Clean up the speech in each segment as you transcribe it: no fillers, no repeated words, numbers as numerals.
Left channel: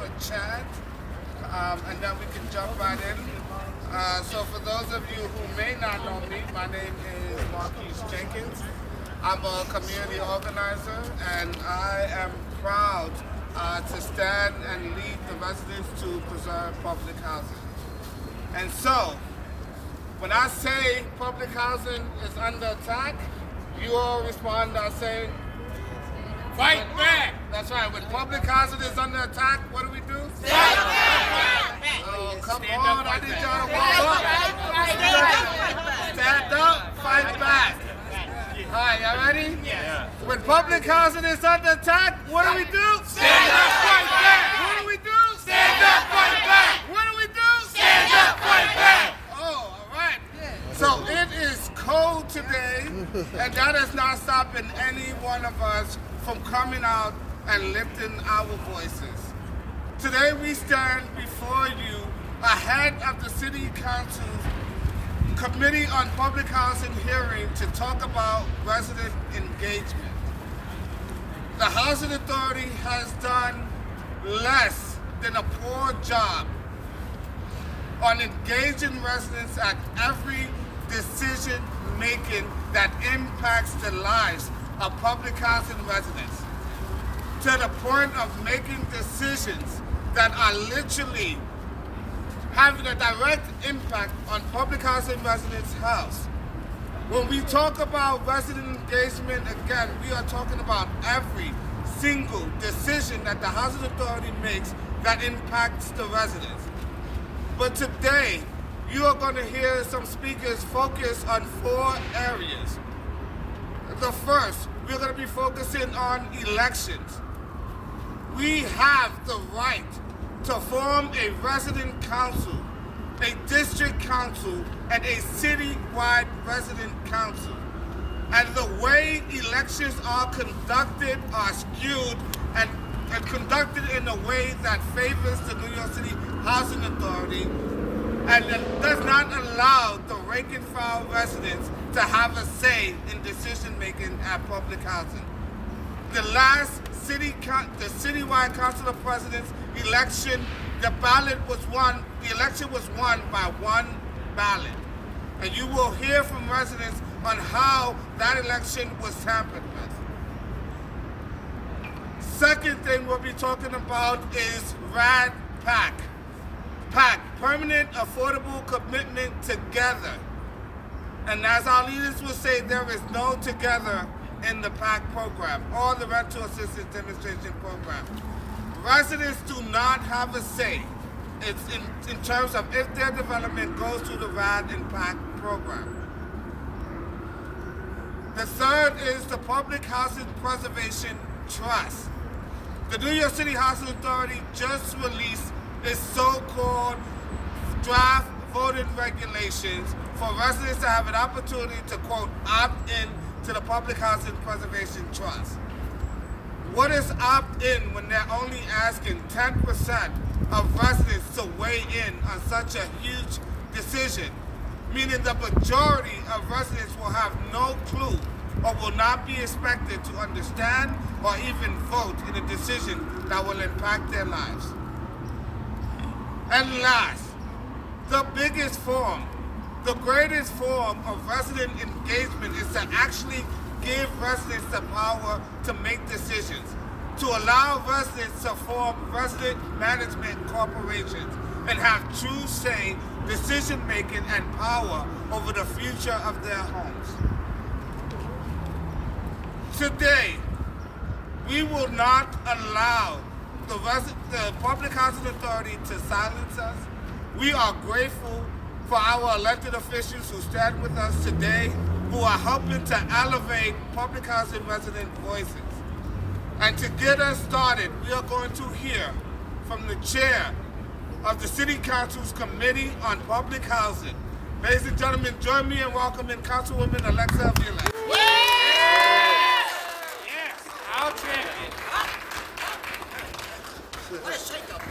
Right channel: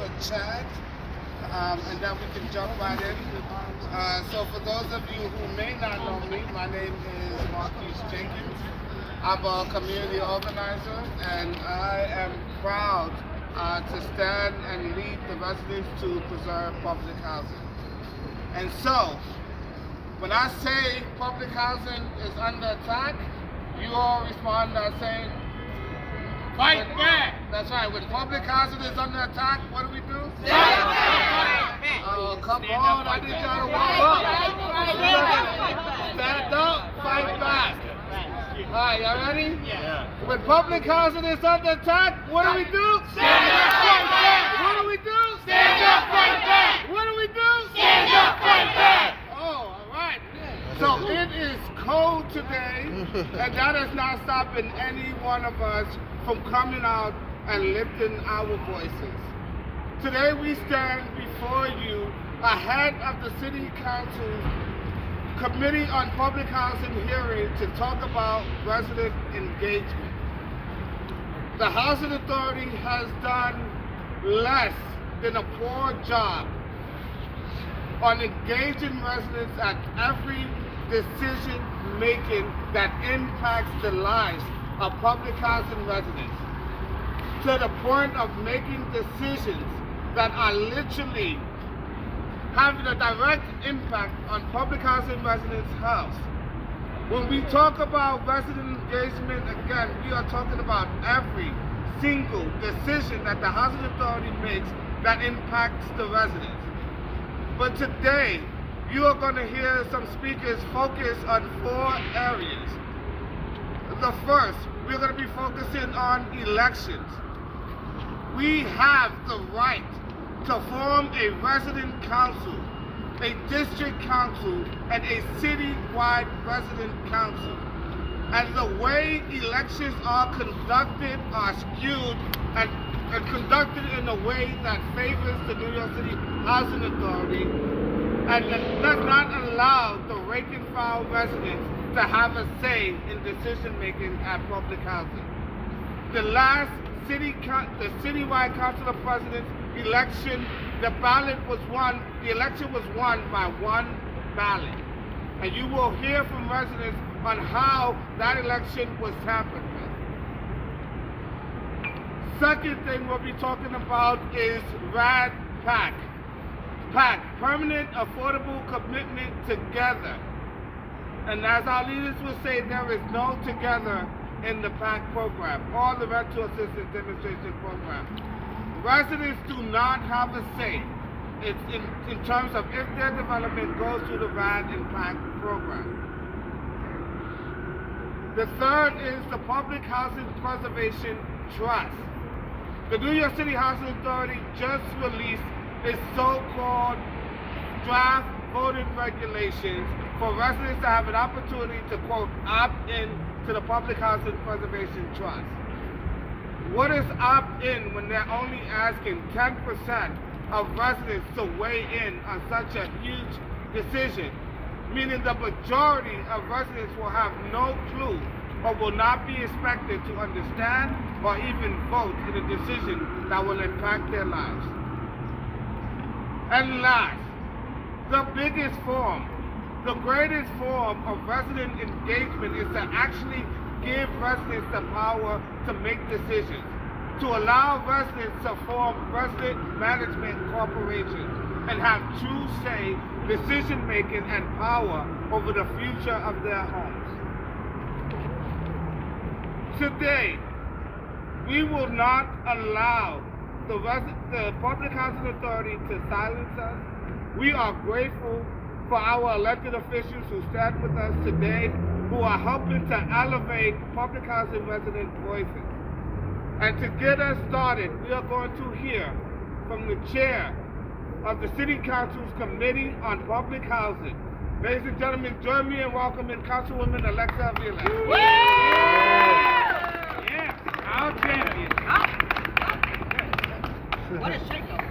a chat, and then we can jump right in. So for those of you who may not know me, my name is Marquise Jenkins. I'm a community organizer, and I am proud to stand and lead the residents to preserve public housing. And so, when I say public housing is under attack, you all respond by saying, fight back! That's right, when public housing is under attack, what do we do? Stand up, fight back! Oh, come on, I need y'all to wake up! Stand up, fight back! Alright, y'all ready? Yeah. When public housing is under attack, what do we do? Stand up, fight back! What do we do? Stand up, fight back! What do we do? Stand up, fight back! Oh, alright. So it is cold today, and that is not stopping any one of us from coming out and lifting our voices. Today we stand before you ahead of the City Council's Committee on Public Housing hearing to talk about resident engagement. The Housing Authority has done less than a poor job on engaging residents at every decision making that impacts the lives of public housing residents, to the point of making decisions that are literally having a direct impact on public housing residents' health. When we talk about resident engagement, again, we are talking about every single decision that the Housing Authority makes that impacts the residents. But today, you are going to hear some speakers focus on 4 areas. The first, we're going to be focusing on elections. We have the right to form a resident council, a district council, and a city-wide resident council. And the way elections are conducted are skewed and conducted in a way that favors the New York City Housing Authority and that does not allow the rank and file residents to have a say in decision-making at public housing. The last the citywide council of presidents election, the election was won by one ballot. And you will hear from residents on how that election was tampered with. Second thing we'll be talking about is RAD PAC. PAC, Permanent Affordable Commitment Together. And as our leaders will say, there is no together in the PAC program or the Rental Assistance Demonstration Program. Residents do not have a say. It's in terms of if their development goes through the RAD and PAC program. The third is the Public Housing Preservation Trust. The New York City Housing Authority just released its so-called draft voting regulations for residents to have an opportunity to, quote, opt in to the Public Housing Preservation Trust. What is opt-in when they're only asking 10% of residents to weigh in on such a huge decision, meaning the majority of residents will have no clue or will not be expected to understand or even vote in a decision that will impact their lives. And last, the biggest form, the greatest form of resident engagement is to actually give residents the power to make decisions, to allow residents to form resident management corporations and have true say, decision-making, and power over the future of their homes. Today, we will not allow the Public Housing Authority to silence us. We are grateful for our elected officials who stand with us today, who are helping to elevate public housing resident voices. And to get us started, we are going to hear from the chair of the City Council's Committee on Public Housing. Ladies and gentlemen, join me in welcoming Councilwoman Alexa Avila. Yes, our champion. What a shake-up.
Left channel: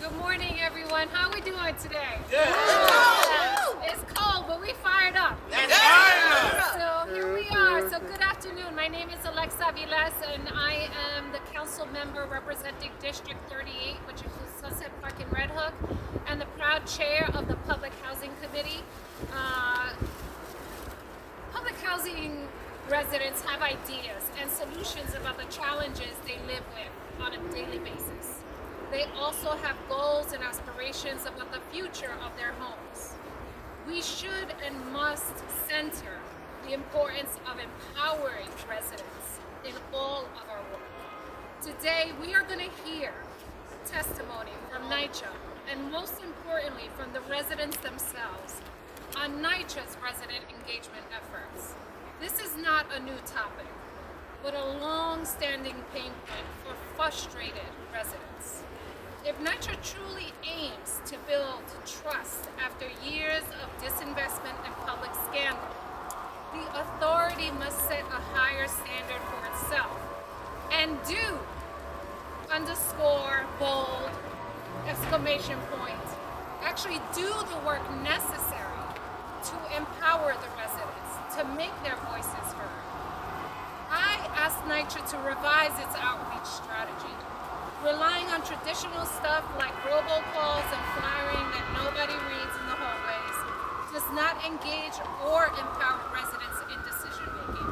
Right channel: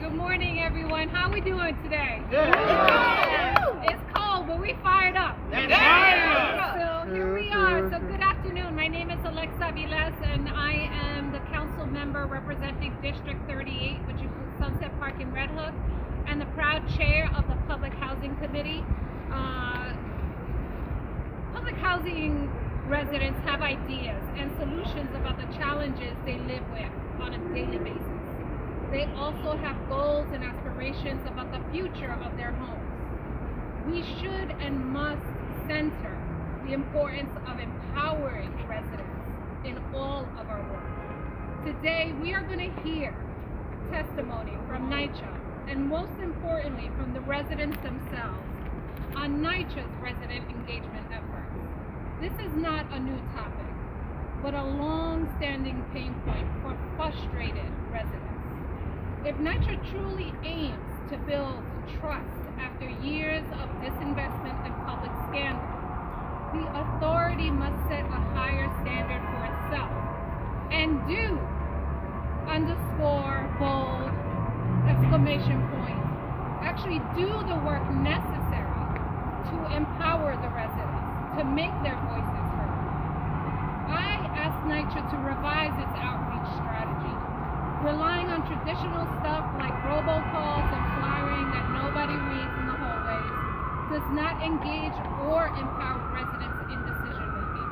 Good morning, everyone. How are we doing today? Yeah. It's cold, but we fired up. So here we are. So good afternoon. My name is Alexa Vilas, and I am the council member representing District 38, which includes Sunset Park and Red Hook, and the proud chair of the Public Housing Committee. Public housing residents have ideas and solutions about the challenges they live with on a daily basis. They also have goals and aspirations about the future of their homes. We should and must center the importance of empowering residents in all of our work. Today, we are going to hear testimony from NYCHA, and most importantly, from the residents themselves on NYCHA's resident engagement efforts. This is not a new topic, but a long-standing pain point for frustrated residents. If NYCHA truly aims to build trust after years of disinvestment and public scandal, the authority must set a higher standard for itself and do, underscore, bold, exclamation point, actually do the work necessary to empower the residents, to make their voices heard. I asked NYCHA to revise its outreach strategy, relying on traditional stuff like robocalls and flyering that nobody reads in the hallways does not engage or empower residents in decision making.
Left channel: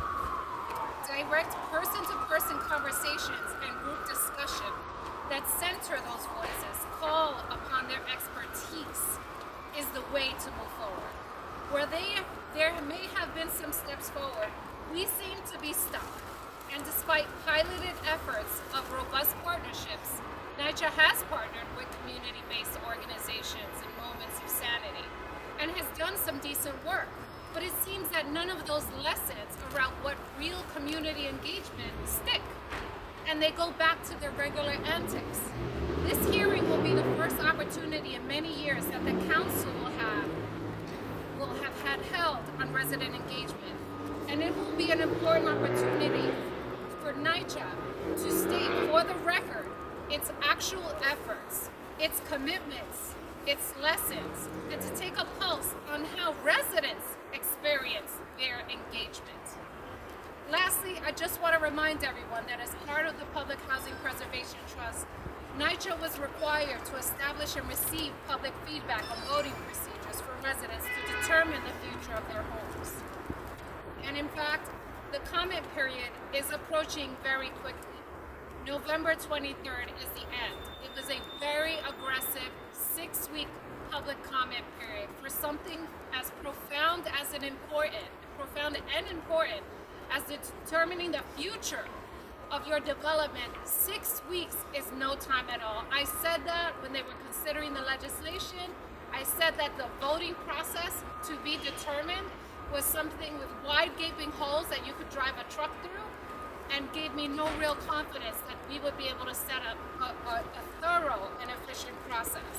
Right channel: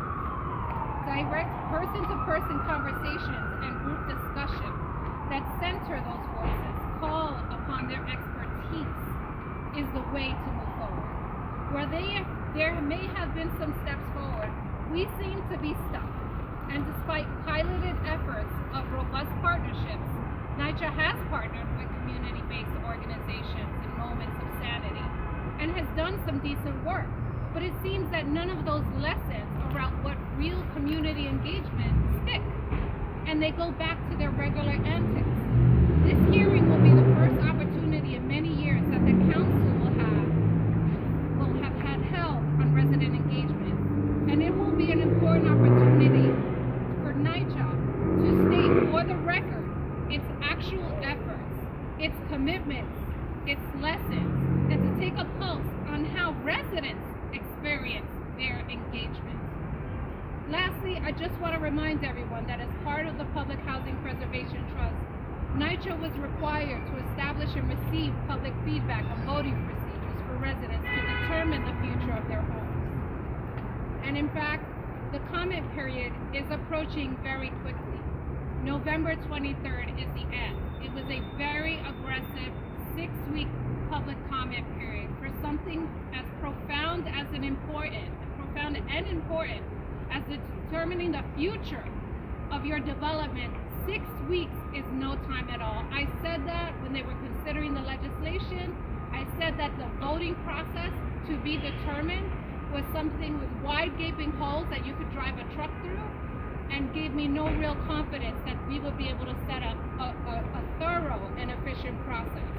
Direct person-to-person conversations and group discussion that center those voices, call upon their expertise, is the way to move forward. Where there may have been some steps forward, we seem to be stuck. And despite piloted efforts of robust partnerships, NYCHA has partnered with community-based organizations in moments of sanity and has done some decent work. But it seems that none of those lessons around what real community engagement stick, and they go back to their regular antics. This hearing will be the first opportunity in many years that the council will have had held on resident engagement, and it will be an important opportunity for NYCHA to state for the record its actual efforts, its commitments, its lessons, and to take a pulse on how residents experience their engagement. Lastly, I just want to remind everyone that as part of the Public Housing Preservation Trust, NYCHA was required to establish and receive public feedback on voting procedures for residents to determine the future of their homes. And in fact, the comment period is approaching very quickly. November 23rd is the end. It was a very aggressive 6-week public comment period for something as profound and important as determining the future of your development. 6 weeks is no time at all. I said that when they were considering the legislation. I said that the voting process to be determined was something with wide gaping holes that you could drive a truck through, and gave me no real confidence that we would be able to set up a thorough and efficient process.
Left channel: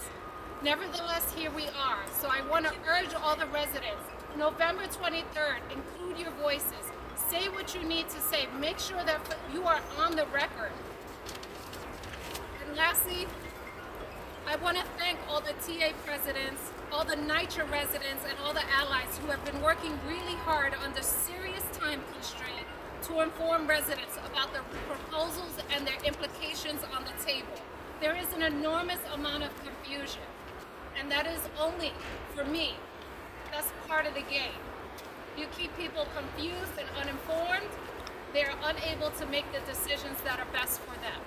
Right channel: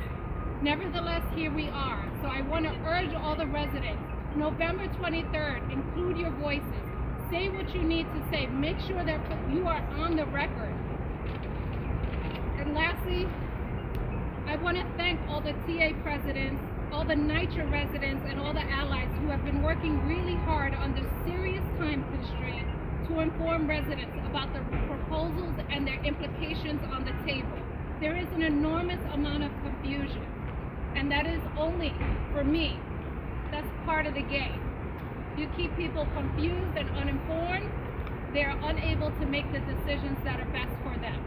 Nevertheless, here we are. So I want to urge all the residents, November 23rd, include your voices. Say what you need to say. Make sure that you are on the record. And lastly, I want to thank all the TA presidents, all the NYCHA residents, and all the allies who have been working really hard under serious time constraint to inform residents about the proposals and their implications on the table. There is an enormous amount of confusion, and that is only, for me, that's part of the game. You keep people confused and uninformed, they're unable to make the decisions that are best for them.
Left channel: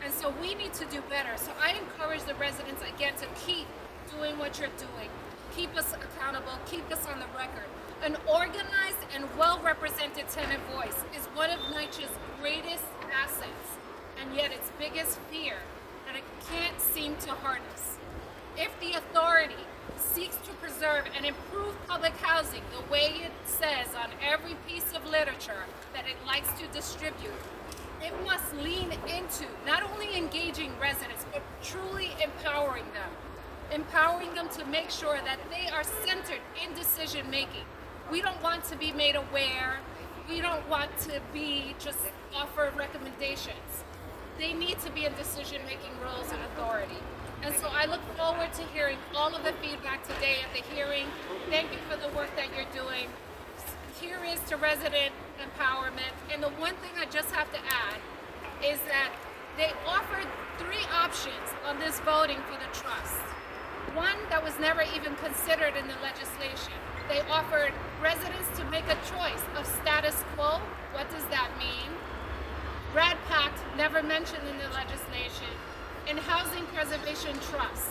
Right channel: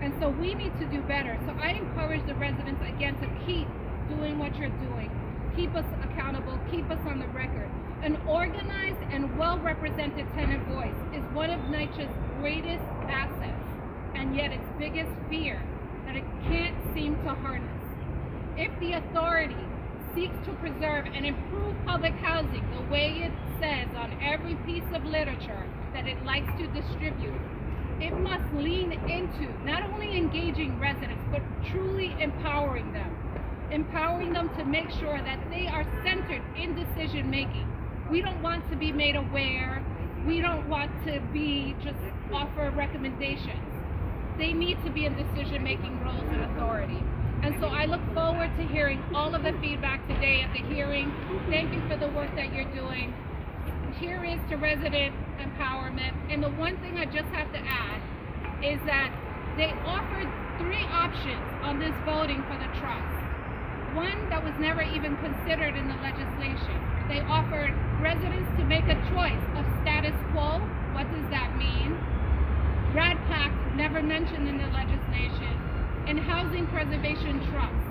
And so we need to do better. So I encourage the residents again to keep doing what you're doing. Keep us accountable, keep us on the record. An organized and well-represented tenant voice is one of NYCHA's greatest assets, and yet its biggest fear that it can't seem to harness. If the authority seeks to preserve and improve public housing the way it says on every piece of literature that it likes to distribute, it must lean into not only engaging residents, but truly empowering them to make sure that they are centered in decision making. We don't want to be made aware. We don't want to be just offer recommendations. They need to be in decision making roles and authority. And so I look forward to hearing all of the feedback today at the hearing. Thank you for the work that you're doing. Here is to resident empowerment. And the one thing I just have to add is that They offered 3 options on this voting for the trust. One that was never even considered in the legislation. They offered residents to make a choice of status quo. What does that mean? Brad Pact, never mentioned in the legislation, and housing preservation trust.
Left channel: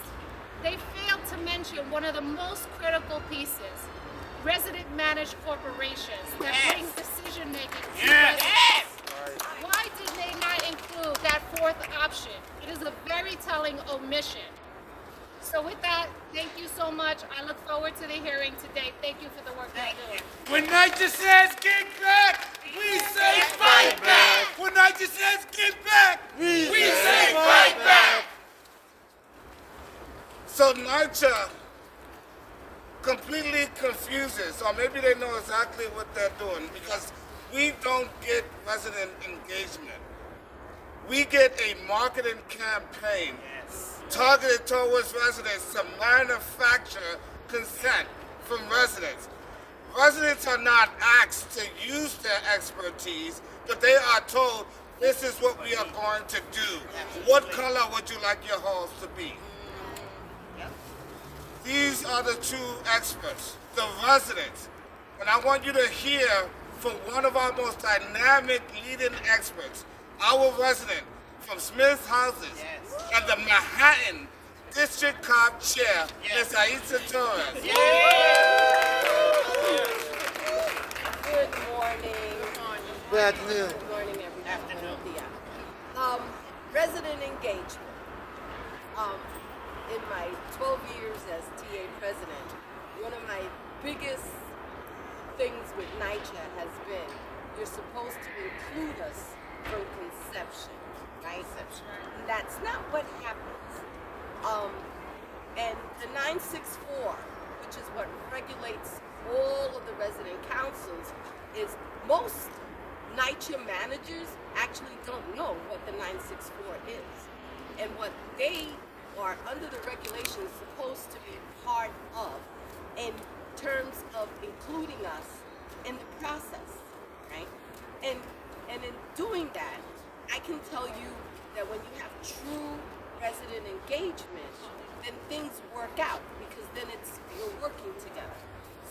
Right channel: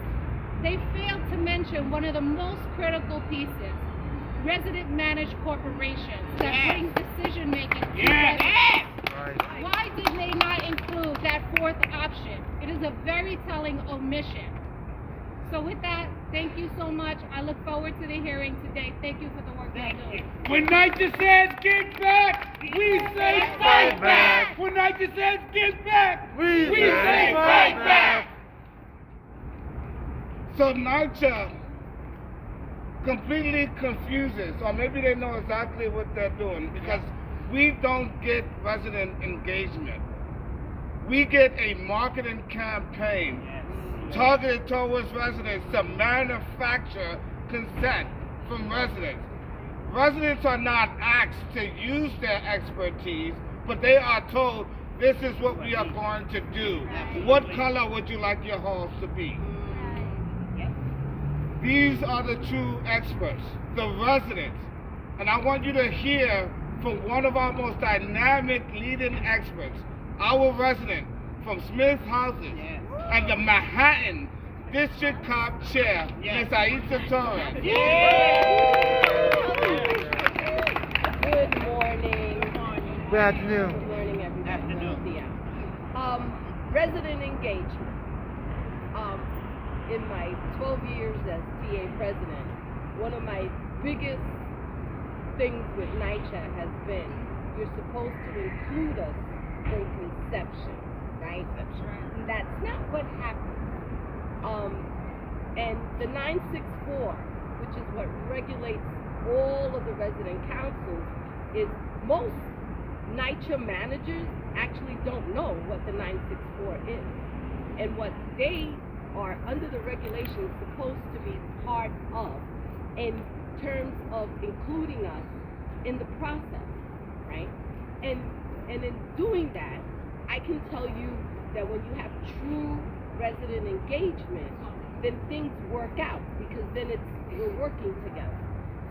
They failed to mention one of the most critical pieces, resident managed corporations that bring decision making to residents. Why did they not include that 4th option? It is a very telling omission. So with that, thank you so much. I look forward to the hearing today. Thank you for the work you're doing. When NYCHA says get back, we say fight back. When NYCHA says get back, we say fight back. So NYCHA completely confuses, or maybe they know exactly what they're doing, because we don't get resident engagement. We get a marketing campaign targeted towards residents to manufacture consent from residents. Residents are not asked to use their expertise, but they are told, this is what we are going to do. What color would you like your halls to be? These are the 2 experts, the residents. And I want you to hear from one of our most dynamic leading experts, our resident from Smith Houses and the Manhattan District COP Chair, Ms. Aisha Torres. Good morning. Good afternoon. Good morning, everybody. Resident engagement. In my 12 years as TA president, one of my biggest things with NYCHA has been, you're supposed to include us from conception, right? And that's not what happens. And the 964, which is what regulates all of the resident councils, is most NYCHA managers actually don't know what the 964 is. And what they are under the regulations supposed to be part of in terms of including us in the process, right? And in doing that, I can tell you that when you have true resident engagement, then things work out, because then we're working together.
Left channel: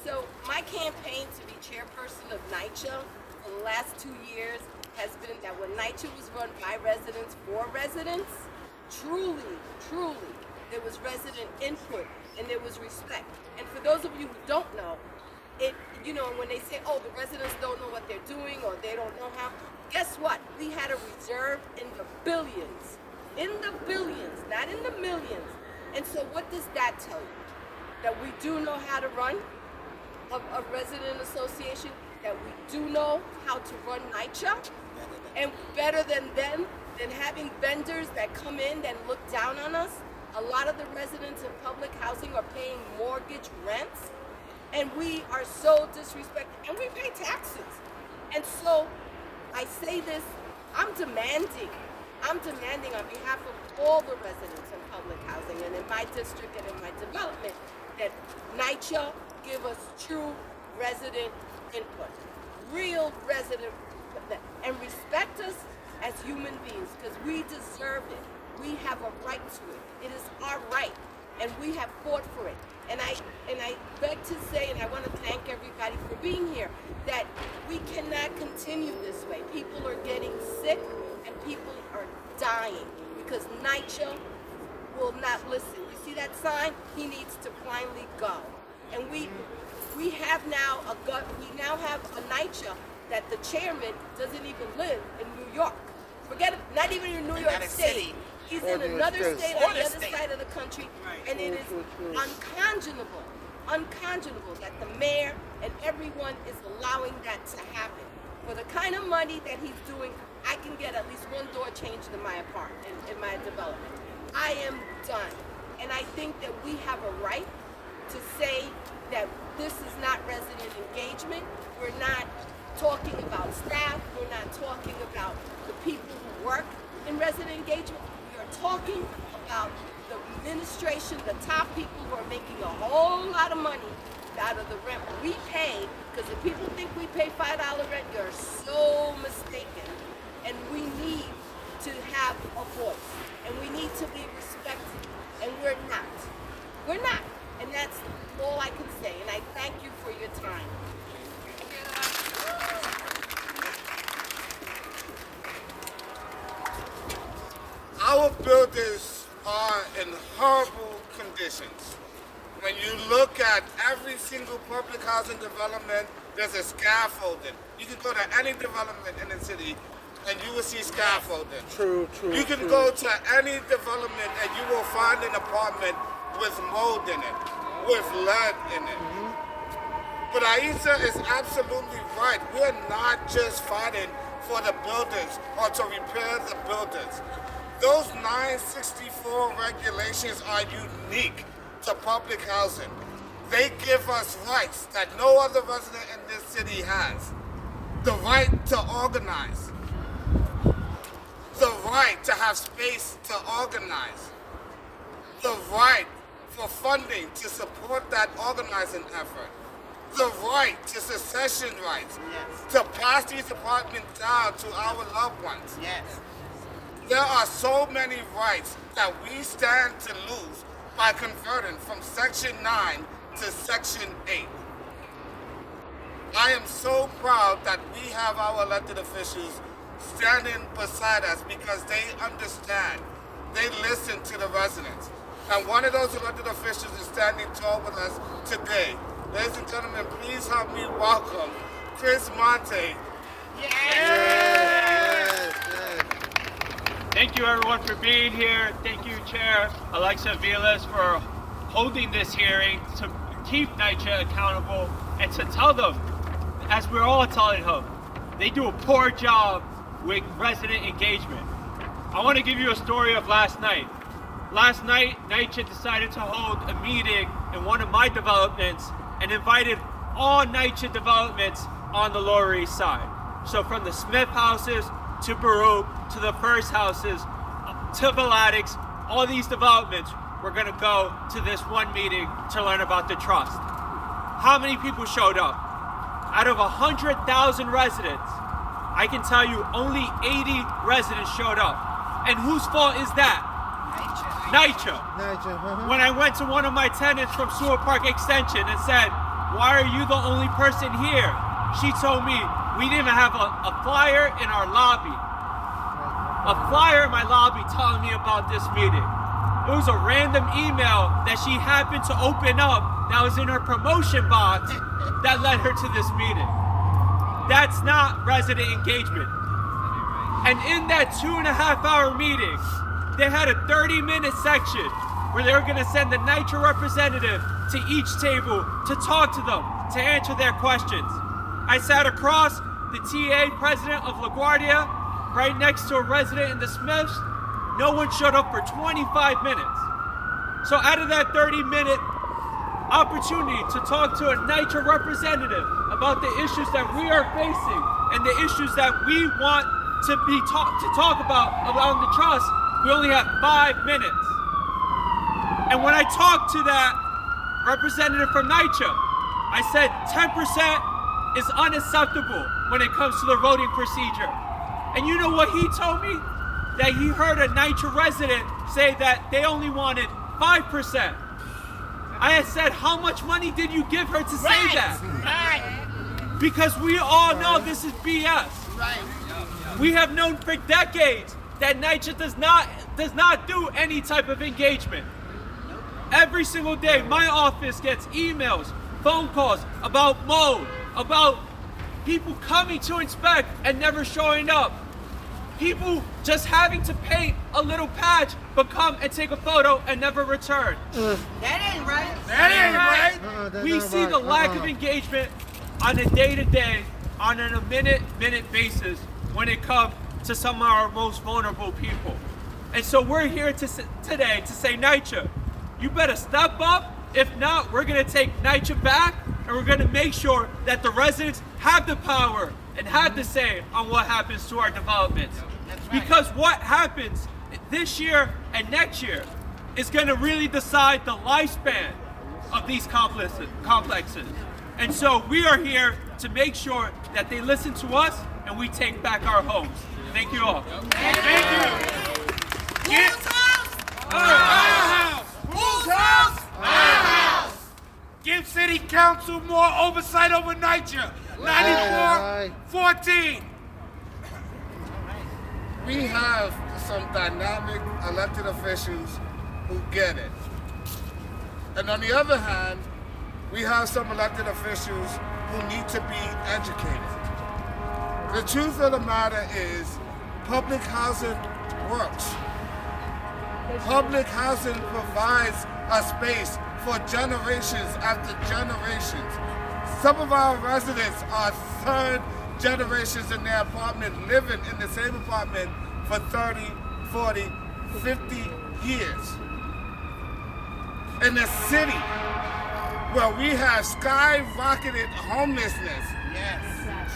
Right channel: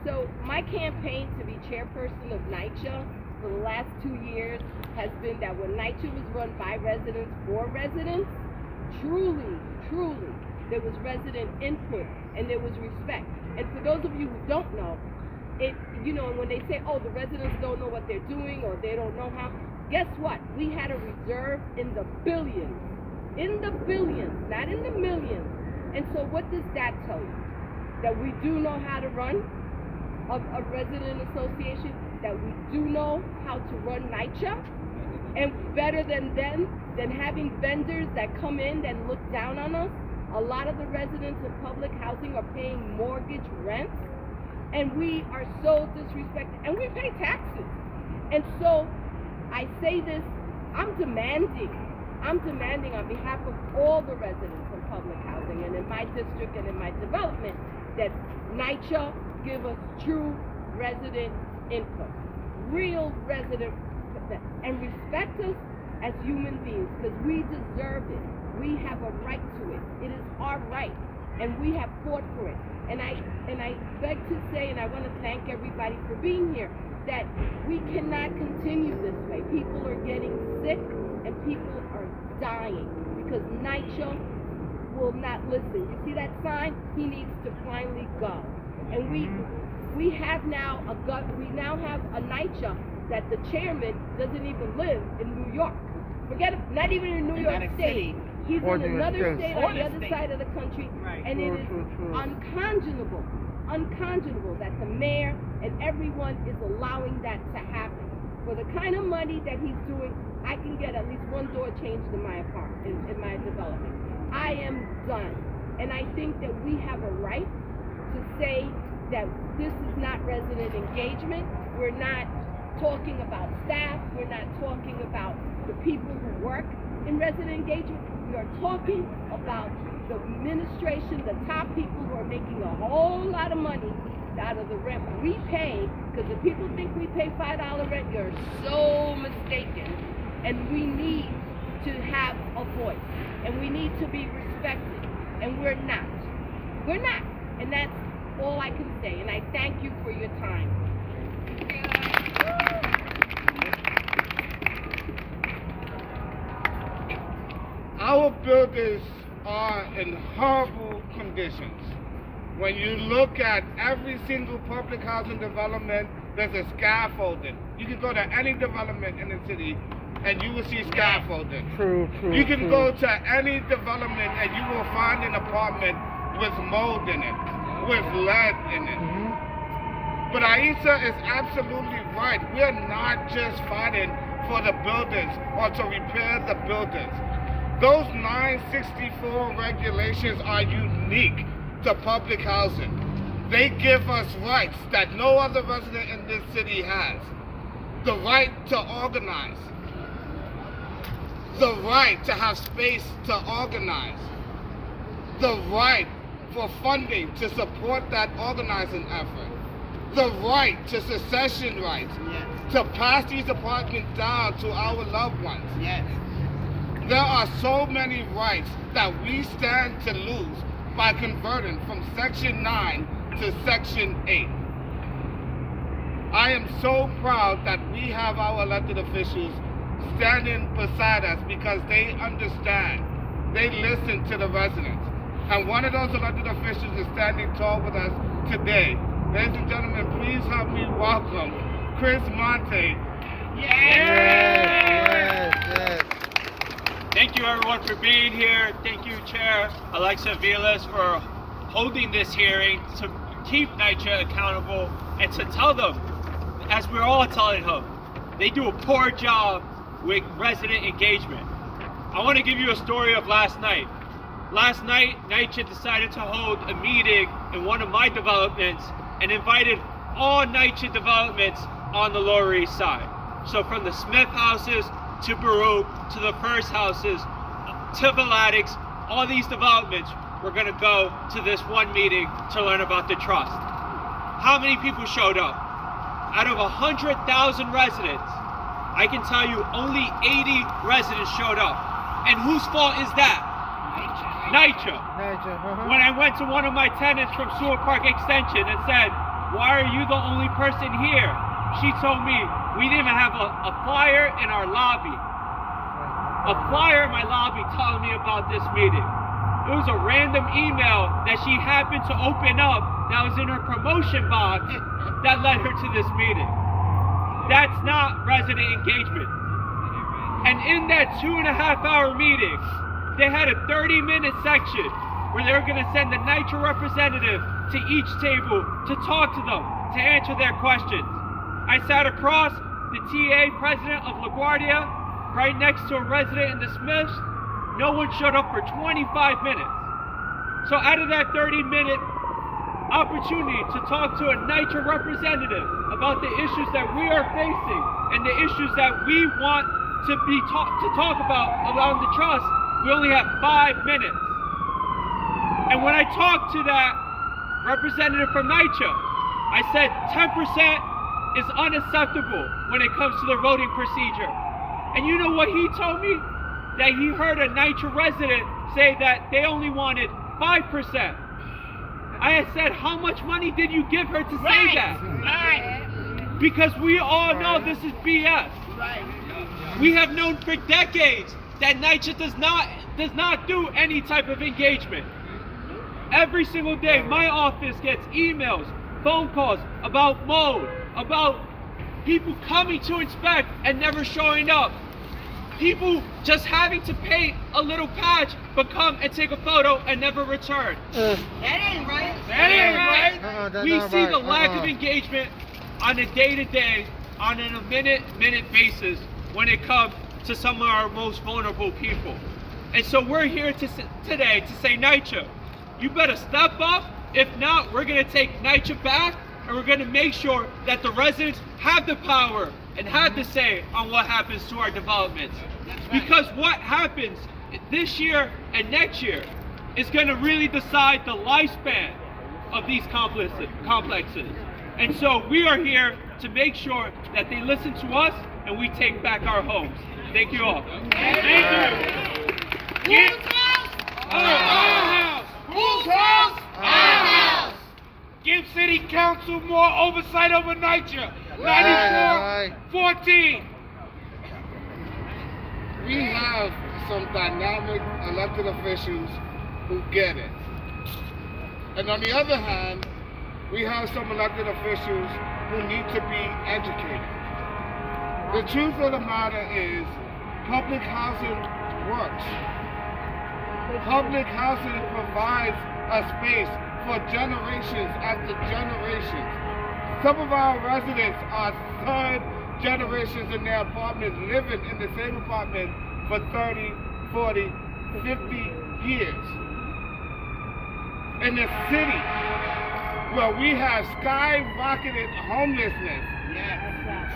So my campaign to be chairperson of NYCHA for the last 2 years has been that when NYCHA was run by residents for residents, truly, there was resident input and there was respect. And for those of you who don't know, when they say, oh, the residents don't know what they're doing or they don't know how, guess what? We had a reserve in the billions, not in the millions. And so what does that tell you? That we do know how to run a resident association, that we do know how to run NYCHA, and better than them, than having vendors that come in and look down on us. A lot of the residents in public housing are paying mortgage rents, and we are so disrespected, and we pay taxes. And so I say this, I'm demanding on behalf of all the residents in public housing and in my district and in my development that NYCHA give us true resident input, real resident input, and respect us as human beings, because we deserve it. We have a right to it. It is our right, and we have fought for it. And I beg to say, and I want to thank everybody for being here, that we cannot continue this way. People are getting sick and people are dying because NYCHA will not listen. You see that sign? He needs to finally go. And we have now have a NYCHA that the chairman doesn't even live in New York. Forget it, not even in New York State. He's in another state on the other side of the country, and it is unconscionable that the mayor and everyone is allowing that to happen. For the kind of money that he's doing, I can get at least one door changed in my apartment, in my development. I am done. And I think that we have a right to say that this is not resident engagement. We're not talking about staff. We're not talking about the people who work in resident engagement. We are talking about the administration, the top people who are making a whole lot of money out of the rent we pay, because if people think we pay $5 rent, you're so mistaken. And we need to have a voice, and we need to be respected, and we're not. We're not, and that's all I can say, and I thank you for your time. Our buildings are in horrible conditions. When you look at every single public housing development, there's a scaffolding. You can go to any development in the city and you will see scaffolding. True. You can go to any development and you will find an apartment with mold in it, with lead in it. But Aisha is absolutely right. We are not just fighting for the buildings or to repair the buildings. Those 964 regulations are unique to public housing. They give us rights that no other resident in this city has. The right to organize. The right to have space to organize. The right for funding to support that organizing effort. The right to secession rights. Yes. To pass these apartments down to our loved ones. Yes. There are so many rights that we stand to lose by converting from Section 9 to Section 8. I am so proud that we have our elected officials standing beside us because they understand. They listen to the residents. And one of those elected officials is standing tall with us today. Ladies and gentlemen, please help me welcome Chris Monte. Thank you everyone for being here. Thank you Chair Alexa Vilas for holding this hearing to keep NYCHA accountable and to tell them, as we're all telling them, they do a poor job with resident engagement. I want to give you a story of last night. Last night, NYCHA decided to hold a meeting in one of my developments and invited all NYCHA developments on the Lower East Side. So from the Smith houses to Baruch to the First houses to Valatics, all these developments, we're going to go to this one meeting to learn about the trust. How many people showed up? Out of 100,000 residents, I can tell you only 80 residents showed up. And whose fault is that? NYCHA. When I went to one of my tenants from Sewell Park Extension and said, "Why are you the only person here?" She told me, "We didn't even have a flyer in our lobby." A flyer in my lobby telling me about this meeting. It was a random email that she happened to open up that was in her promotion box that led her to this meeting. That's not resident engagement. And in that 2.5-hour meeting, they had a 30-minute section where they were going to send a NYCHA representative to each table to talk to them, to answer their questions. I sat across the TA president of LaGuardia, right next to a resident in the Smiths. No one showed up for 25 minutes. So out of that 30-minute opportunity to talk to a NYCHA representative about the issues that we are facing and the issues that we want to talk about around the trust, we only have 5 minutes. And when I talked to that representative from NYCHA, I said 10% is unacceptable when it comes to the voting procedure. And you know what he told me? That he heard a NYCHA resident say that they only wanted 5%. I had said, how much money did you give her to say that? Because we all know this is BS. We have known for decades that NYCHA does not do any type of engagement. Every single day, my office gets emails, phone calls about mold, about people coming to inspect and never showing up. People just having to paint a little patch, but come and take a photo and never return. That ain't right. That ain't right. We see the lack of engagement on a day-to-day, on a minute basis when it comes to some of our most vulnerable people. And so we're here today to say, NYCHA, you better step up. If not, we're going to take NYCHA back, and we're going to make sure that the residents have the power and have the say on what happens to our developments. Because what happens this year and next year is going to really decide the lifespan of these complexes. And so we are here to make sure that they listen to us and we take back our homes. Thank you all. Thank you. Whose house? Our house. Whose house? Our house. Give City Council more oversight over NYCHA. 94-14. We have some dynamic elected officials who get it. And on the other hand, we have some elected officials who need to be educated. The truth of the matter is, public housing works. Public housing provides a space for generations after generations. Some of our residents are third generations in their apartment, living in the same apartment for 30, 40, 50 years. In a city where we have skyrocketed homelessness,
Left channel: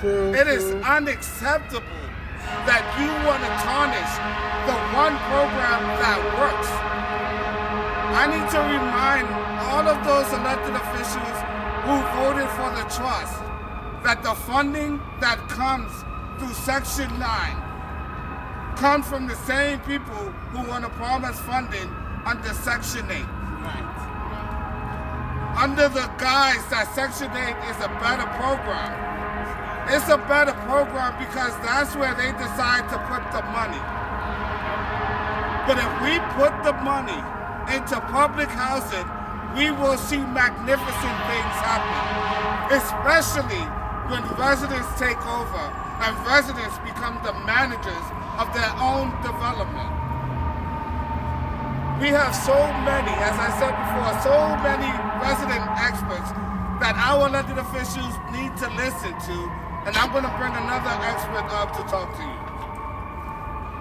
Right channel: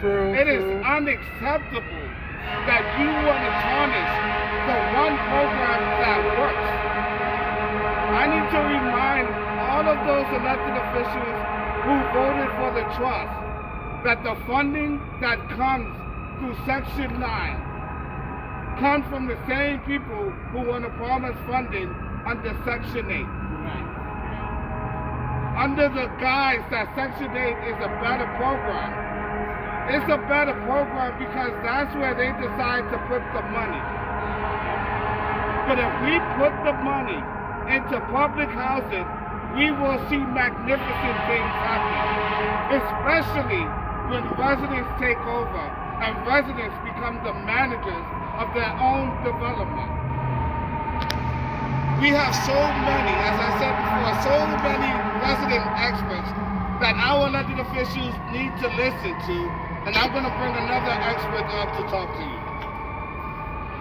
it is unacceptable that you want to tarnish the one program that works. I need to remind all of those elected officials who voted for the trust that the funding that comes through Section 9 comes from the same people who want to promise funding under Section 8. Under the guise that Section 8 is a better program. It's a better program because that's where they decide to put the money. But if we put the money into public housing, we will see magnificent things happen, especially when residents take over and residents become the managers of their own development. We have so many, as I said before, so many resident experts that our elected officials need to listen to, and I'm going to bring another expert up to talk to you.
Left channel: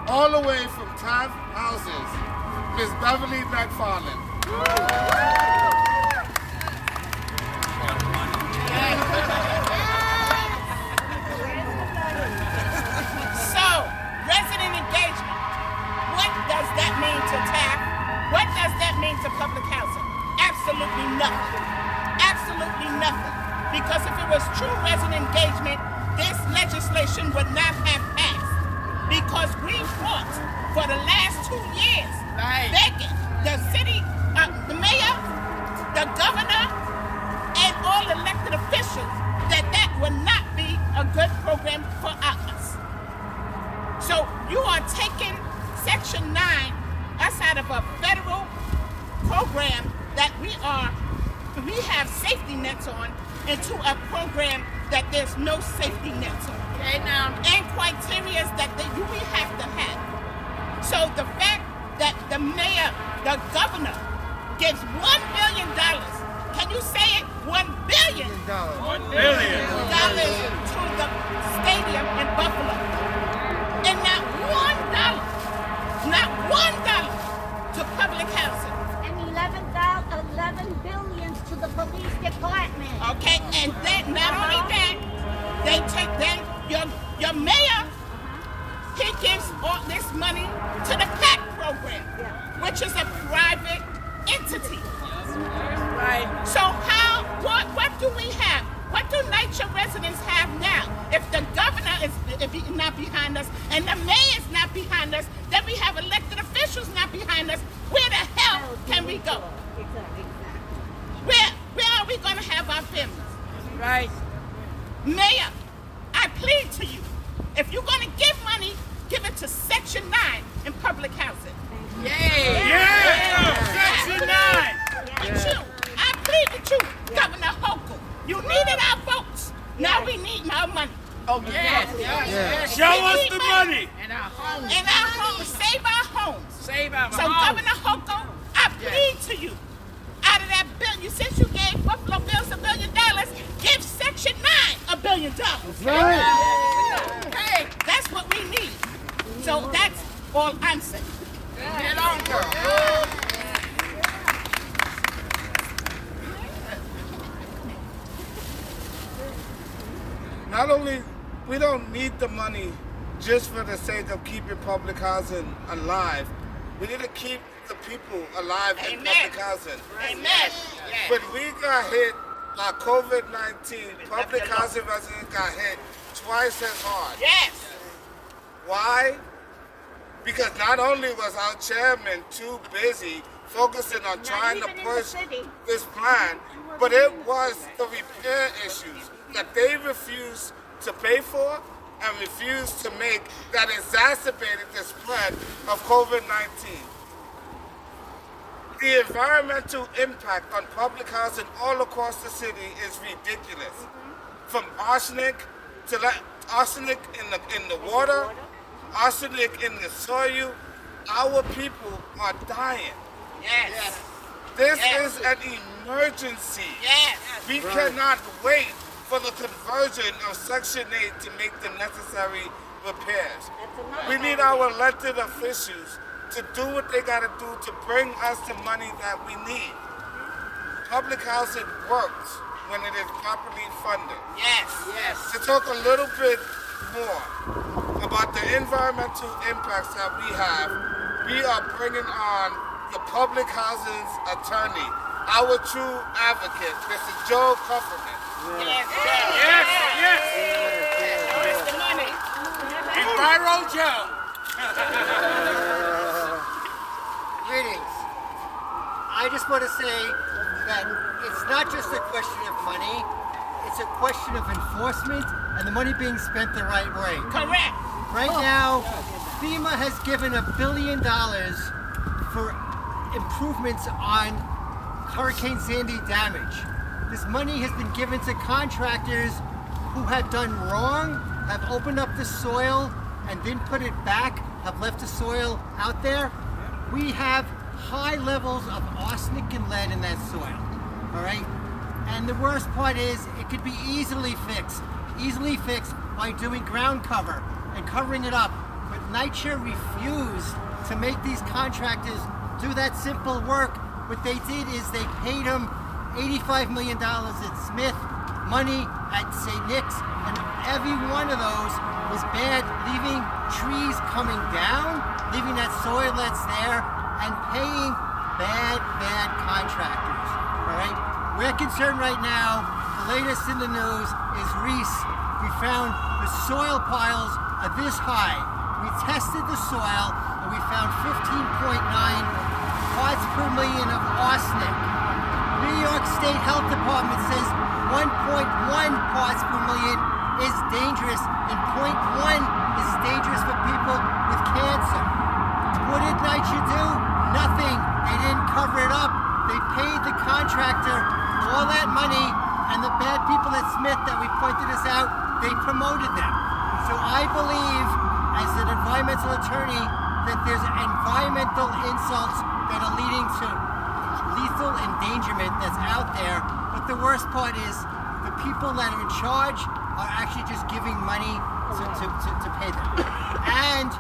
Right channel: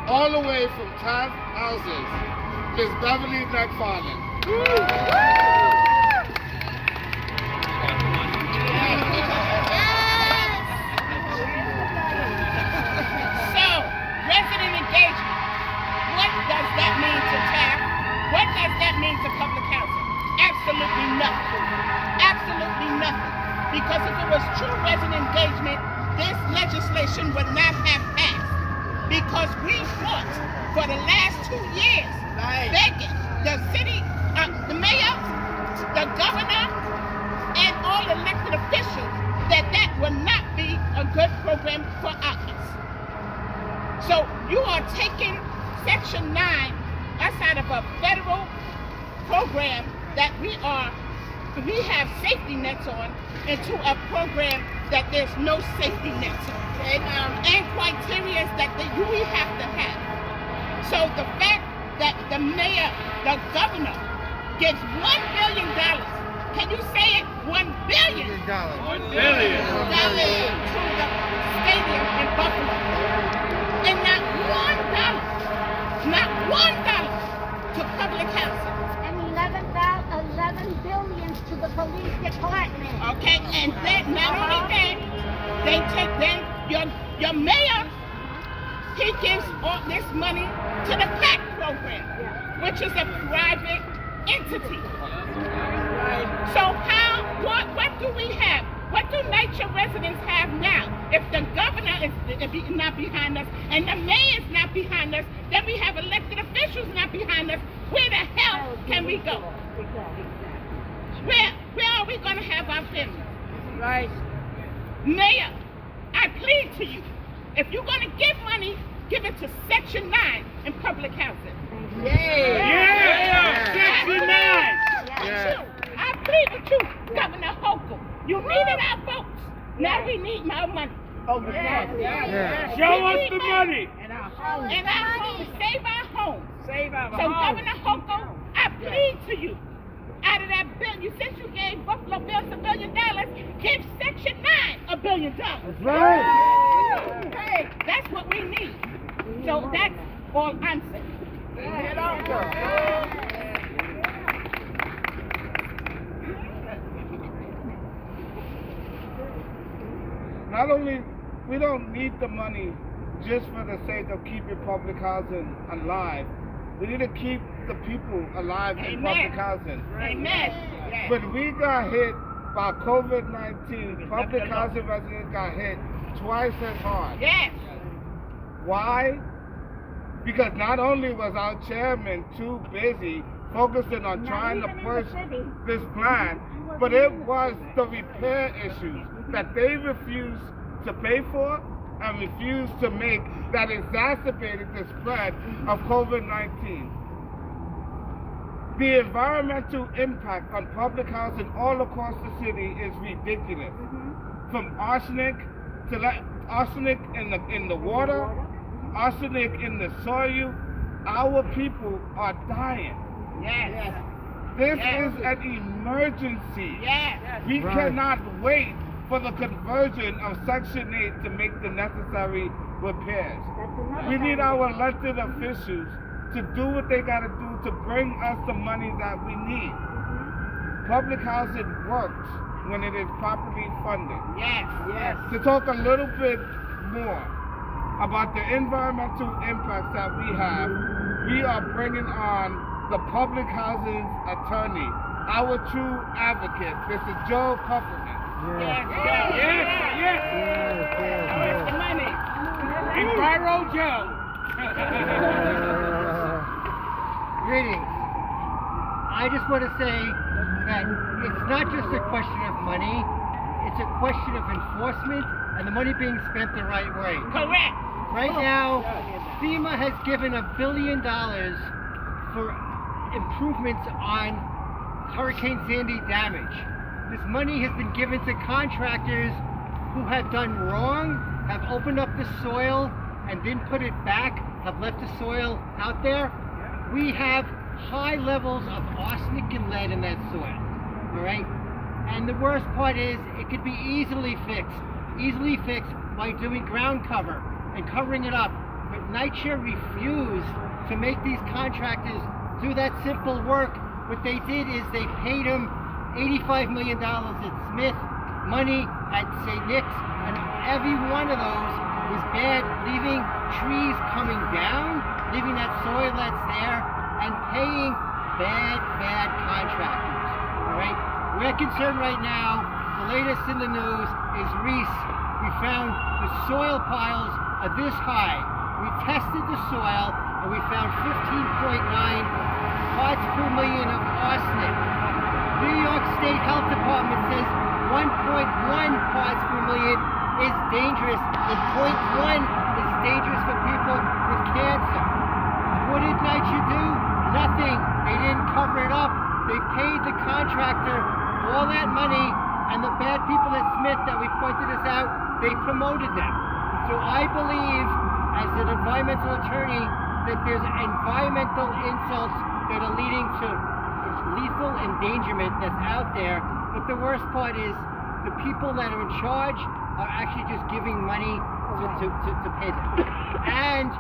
All the way from Taft Houses, Ms. Beverly McFarland. So, resident engagement, what does that mean to Taft? What does that mean to public housing? Absolutely nothing. Absolutely nothing. Because if it was true resident engagement, this legislation would not have passed. Because we fought for the last 2 years, begging the city, the mayor, the governor, and all elected officials that that would not be a good program for us. So you are taking Section 9 us out of a federal program that we have safety nets on into a program that there's no safety nets on. And criteria that we have to have. So the fact that the mayor, the governor, gives $1 billion, can you say it? $1 billion. $1 billion to the stadium in Buffalo. And not $1 to public housing. And $11 billion to the police department. Okay, and that, not only that, they take that, your mayor, he gives all this money to the PAC program, which is a private entity. Right. So what do we have? What do NYCHA residents have now? If the governor is not behind us and the mayor is not behind us, then we have elected officials not behind us. Where the hell can we go? Where are we going to have our families? Right. Mayor, I plead to you. If you're going to give money, give it to Section 9 in public housing. Yeah! Section 9! With you. I plead with you, Governor Hochul. You needed our votes. Now we need more money. Oh, yes. Show us the money. And our homes. And our homes. Save our homes. Save our homes. So, Governor Hochul, I plead to you. Out of that billion, since you gave Buffalo Bills $1 billion, give Section 9 $1 billion. Right. Okay, that's what we need. So that's all I'm saying. Get on, girl. Not only, we don't need the money just for the sake of keeping public housing alive. We need to keep the people alive in public housing. Amen. But we got hit by COVID-19. Public housing residents got hit twice as hard. Yes. Why? Because not only was our chairman too busy focusing on Not trying to even in the push city. this plan, but it was the repair issues that they refused to pay for and refused to make that exacerbated the spread of COVID-19. The environmental impact on public housing all across the city is ridiculous. From arsenic to arsenic in the water, arsenic in the soil, our people are dying. Yes. This Yes. is an emergency. Yes. We cannot wait for the conversion of Section 8 to make the necessary repairs. That's another We need bad our elected officials to do what they got to do to bring us the money that we need. Public housing works when it is properly funded. Yes. Yes. To talk a little bit more about the environmental impacts that we have, we are bringing on the public housing's attorney, our true advocate, Mr. Joe Kupferman. Yes, yes. Mr. Money. Enviro Joe. Greetings. I just want to say that it's not just a question of money, it's a question of enforcement and the money being spent the right way. Correct. Right now, FEMA has given $1 billion for improvements on Hurricane Sandy damage. This money has been given to contractors who have done wrong, have opened up the soil and didn't put it back, have left the soil out there. We have high levels of arsenic and lead in that soil, all right? And the worst part is it could be easily fixed by doing ground cover and covering it up. But NYCHA refused to make these contractors do that simple work. What they did is they paid them $85 million at Smith, money at St. Nick's, and every one of those was bad, leaving trees coming down, leaving that soil that's there, and paying bad contractors, all right? We're concerned right now, the latest in the news is Reese. We found the soil piles are this high. We tested the soil and we found 15.9 parts per million of arsenic. New York State Health Department says 1.1 parts per million is dangerous and 0.1 is dangerous for people with cancer. What did NYCHA do? Nothing. They didn't cover it up. They paid the contractor all that money, and the bad people at Smith that we pointed this out, they promoted them. So I believe, as an environmental attorney, that there's environmental insults that are leading to lethal endangerment that's out there. But the worst part is the people that are in charge are actually just giving money to pay them. And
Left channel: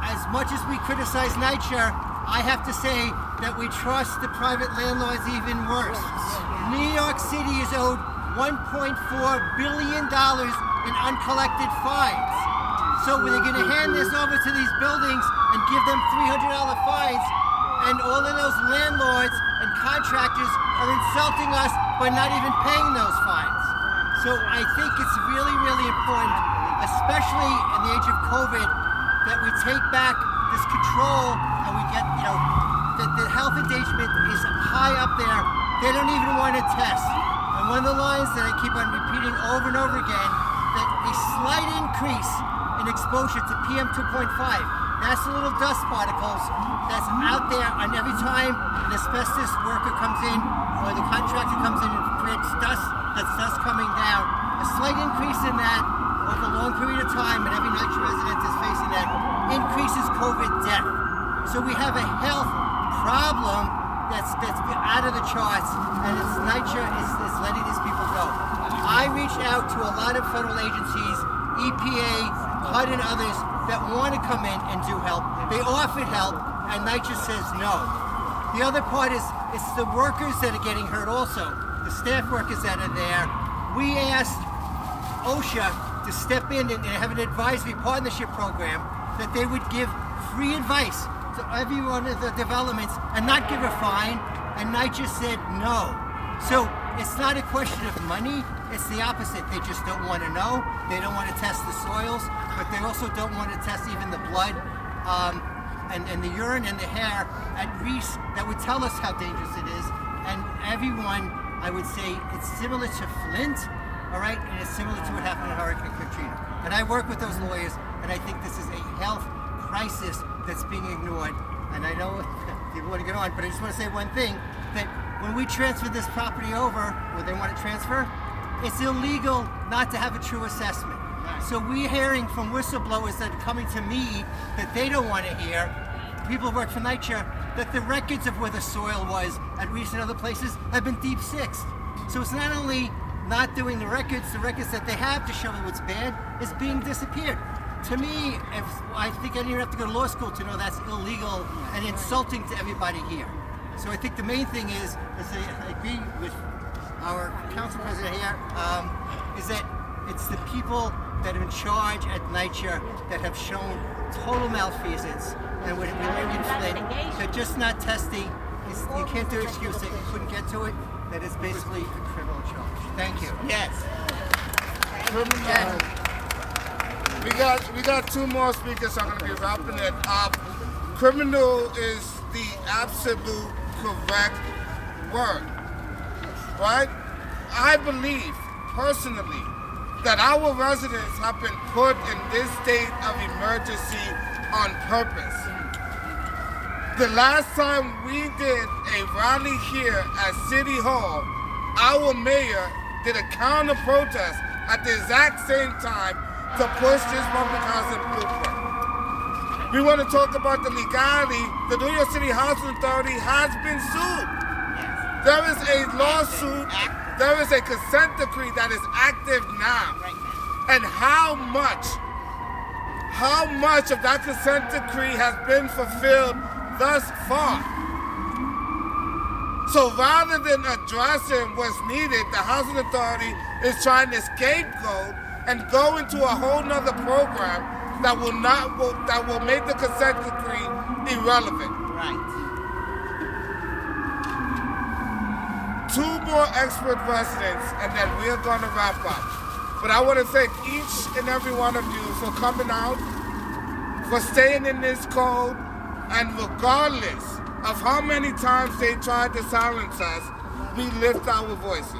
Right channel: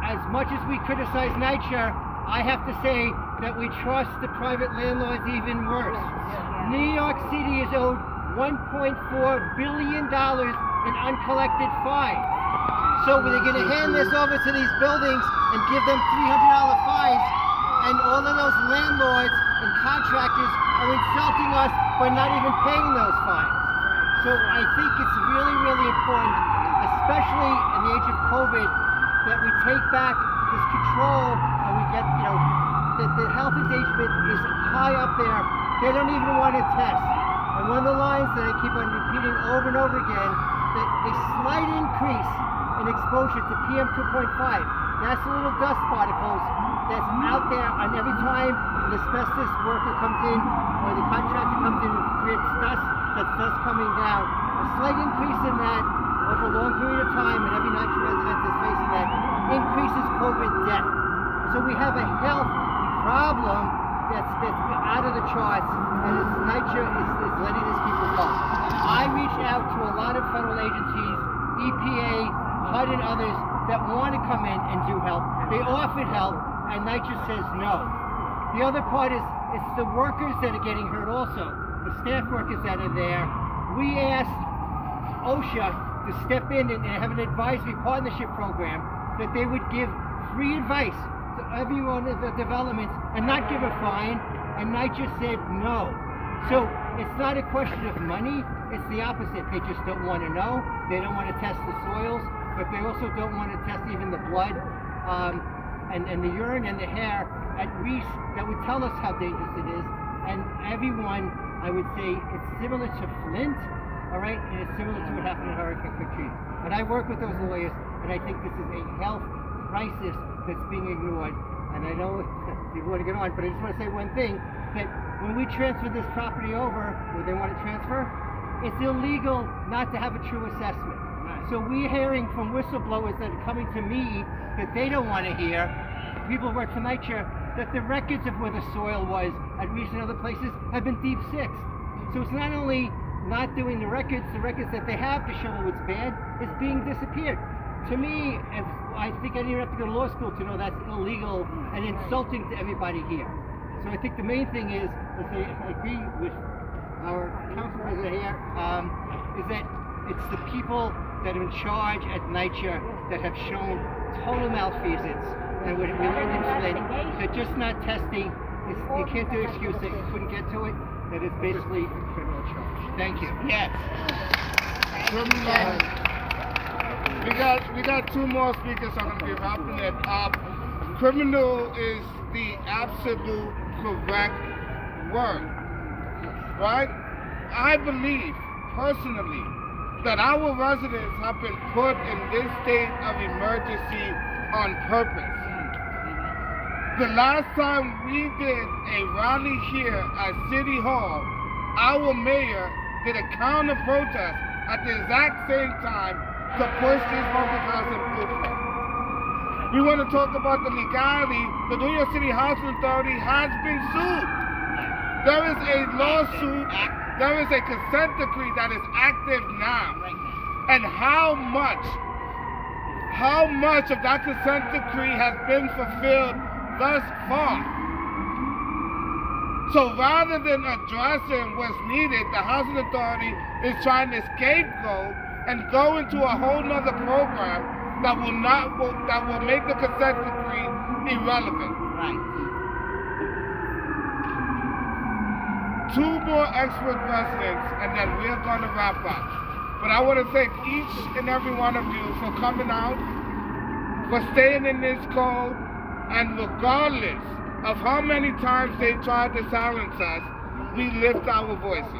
as much as we criticize NYCHA, I have to say that we trust the private landlords even worse. New York City is owed $1.4 billion in uncollected fines. So they're going to hand this over to these buildings and give them $300 fines, and all of those landlords and contractors are insulting us by not even paying those fines. So I think it's really, really important, especially in the age of COVID, that we take back this control and we get, that the health endangerment is high up there. They don't even want to test. And one of the lines that I keep on repeating over and over again, that a slight increase in exposure to PM 2.5, that's the little dust particles that's out there, and every time an asbestos worker comes in or the contractor comes in and creates dust, that's dust coming down. A slight increase in that over a long period of time, and every NYCHA resident is facing that, increases COVID death. So we have a health problem that's out of the charts, and it's NYCHA is letting these people go. I reached out to a lot of federal agencies, EPA, HUD and others, that want to come in and do help. They offered help, and NYCHA says no. The other part is it's the workers that are getting hurt also, the staff workers that are there. We asked OSHA to step in and have an advisory partnership program that they would give free advice to every one of the developments and not give a fine, and NYCHA said no. So it's not a question of money, It's the opposite. They just don't want to know. They don't want to test the soils, but they also don't want to test even the blood and the urine and the hair at Reese that would tell us how dangerous it is. And everyone, I would say, it's similar to Flint, all right, and it's similar to what happened in Hurricane Katrina. And I work with those lawyers, and I think this is a health crisis that's being ignored. And I know people want to get on, but I just want to say one thing, that when we transfer this property over, where they want to transfer, it's illegal not to have a true assessment. So we're hearing from whistleblowers that are coming to me that they don't want to hear, people who work for NYCHA, that the records of where the soil was at Reese and other places have been deep sixed. So it's not only not doing the records that they have to show what's bad is being disappeared. To me, I think I didn't have to go to law school to know that's illegal and insulting to everybody here. So I think the main thing is I agree with our council president here, is that it's the people that are in charge at NYCHA that have shown total malfeasance. And when we learned in Flint, they're just not testing. You can't do an excuse that you couldn't get to it. That is basically a criminal charge. Thank you. Yes. We got two more speakers. I'm going to be wrapping it up. Criminal is the absolute correct word, right? I believe personally that our residents have been put in this state of emergency on purpose. The last time we did a rally here at City Hall, our mayor did a counter protest at the exact same time to push this public housing blueprint. We want to talk about the legality. The New York City Housing Authority has been sued. There is a lawsuit, there is a consent decree that is active now. And how much of that consent decree has been fulfilled thus far? So rather than addressing what's needed, the Housing Authority is trying to scapegoat and go into a whole nother program that will make the consent decree irrelevant. Two more expert residents, and then we're going to wrap up. But I want to thank each and every one of you for coming out, for staying in this cold, and regardless of how many times they tried to silence us, we lift our voices.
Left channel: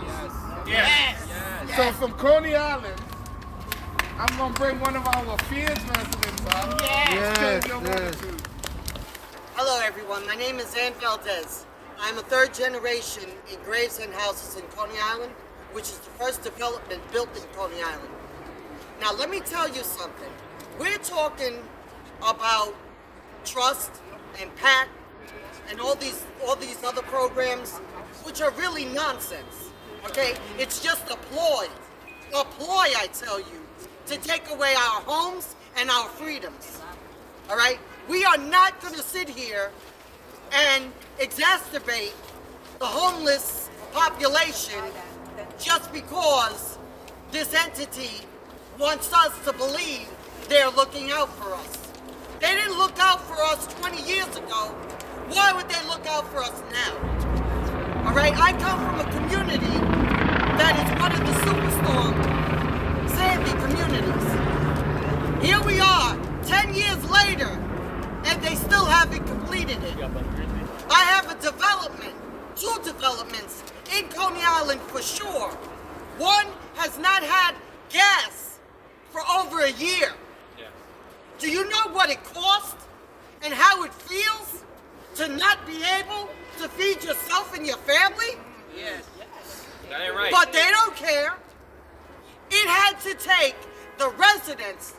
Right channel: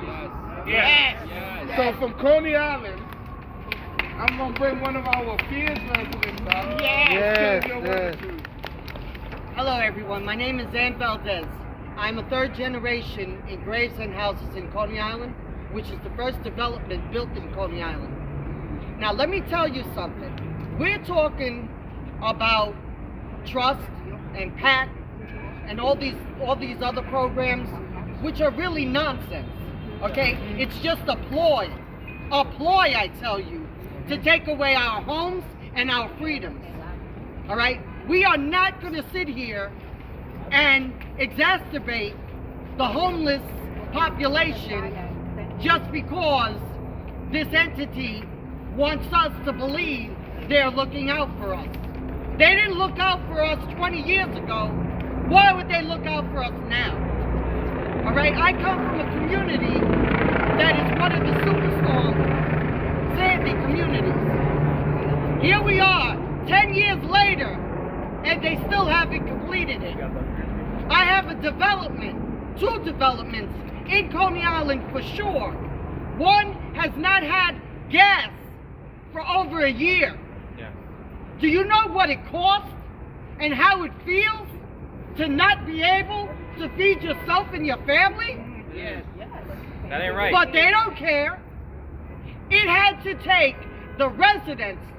Yes. So from Coney Island, I'm going to bring one of our fierce residents up. Yes. Hello everyone, my name is Ann Valdez. I'm a third generation in Gravesend houses in Coney Island, which is the first development built in Coney Island. Now let me tell you something. We're talking about trust and PAC and all these other programs, which are really nonsense. Okay? It's just a ploy, I tell you, to take away our homes and our freedoms. All right? We are not going to sit here and exacerbate the homeless population just because this entity wants us to believe they're looking out for us. They didn't look out for us 20 years ago. Why would they look out for us now? All right, I come from a community that is one of the Superstorm Sandy communities. Here we are, 10 years later, and they still haven't completed it. I have a development, 2 developments in Coney Island for sure. One has not had gas for over a year. Do you know what it costs and how it feels to not be able to feed yourself and your family? Yes. That ain't right. But they don't care. It had to take the residents,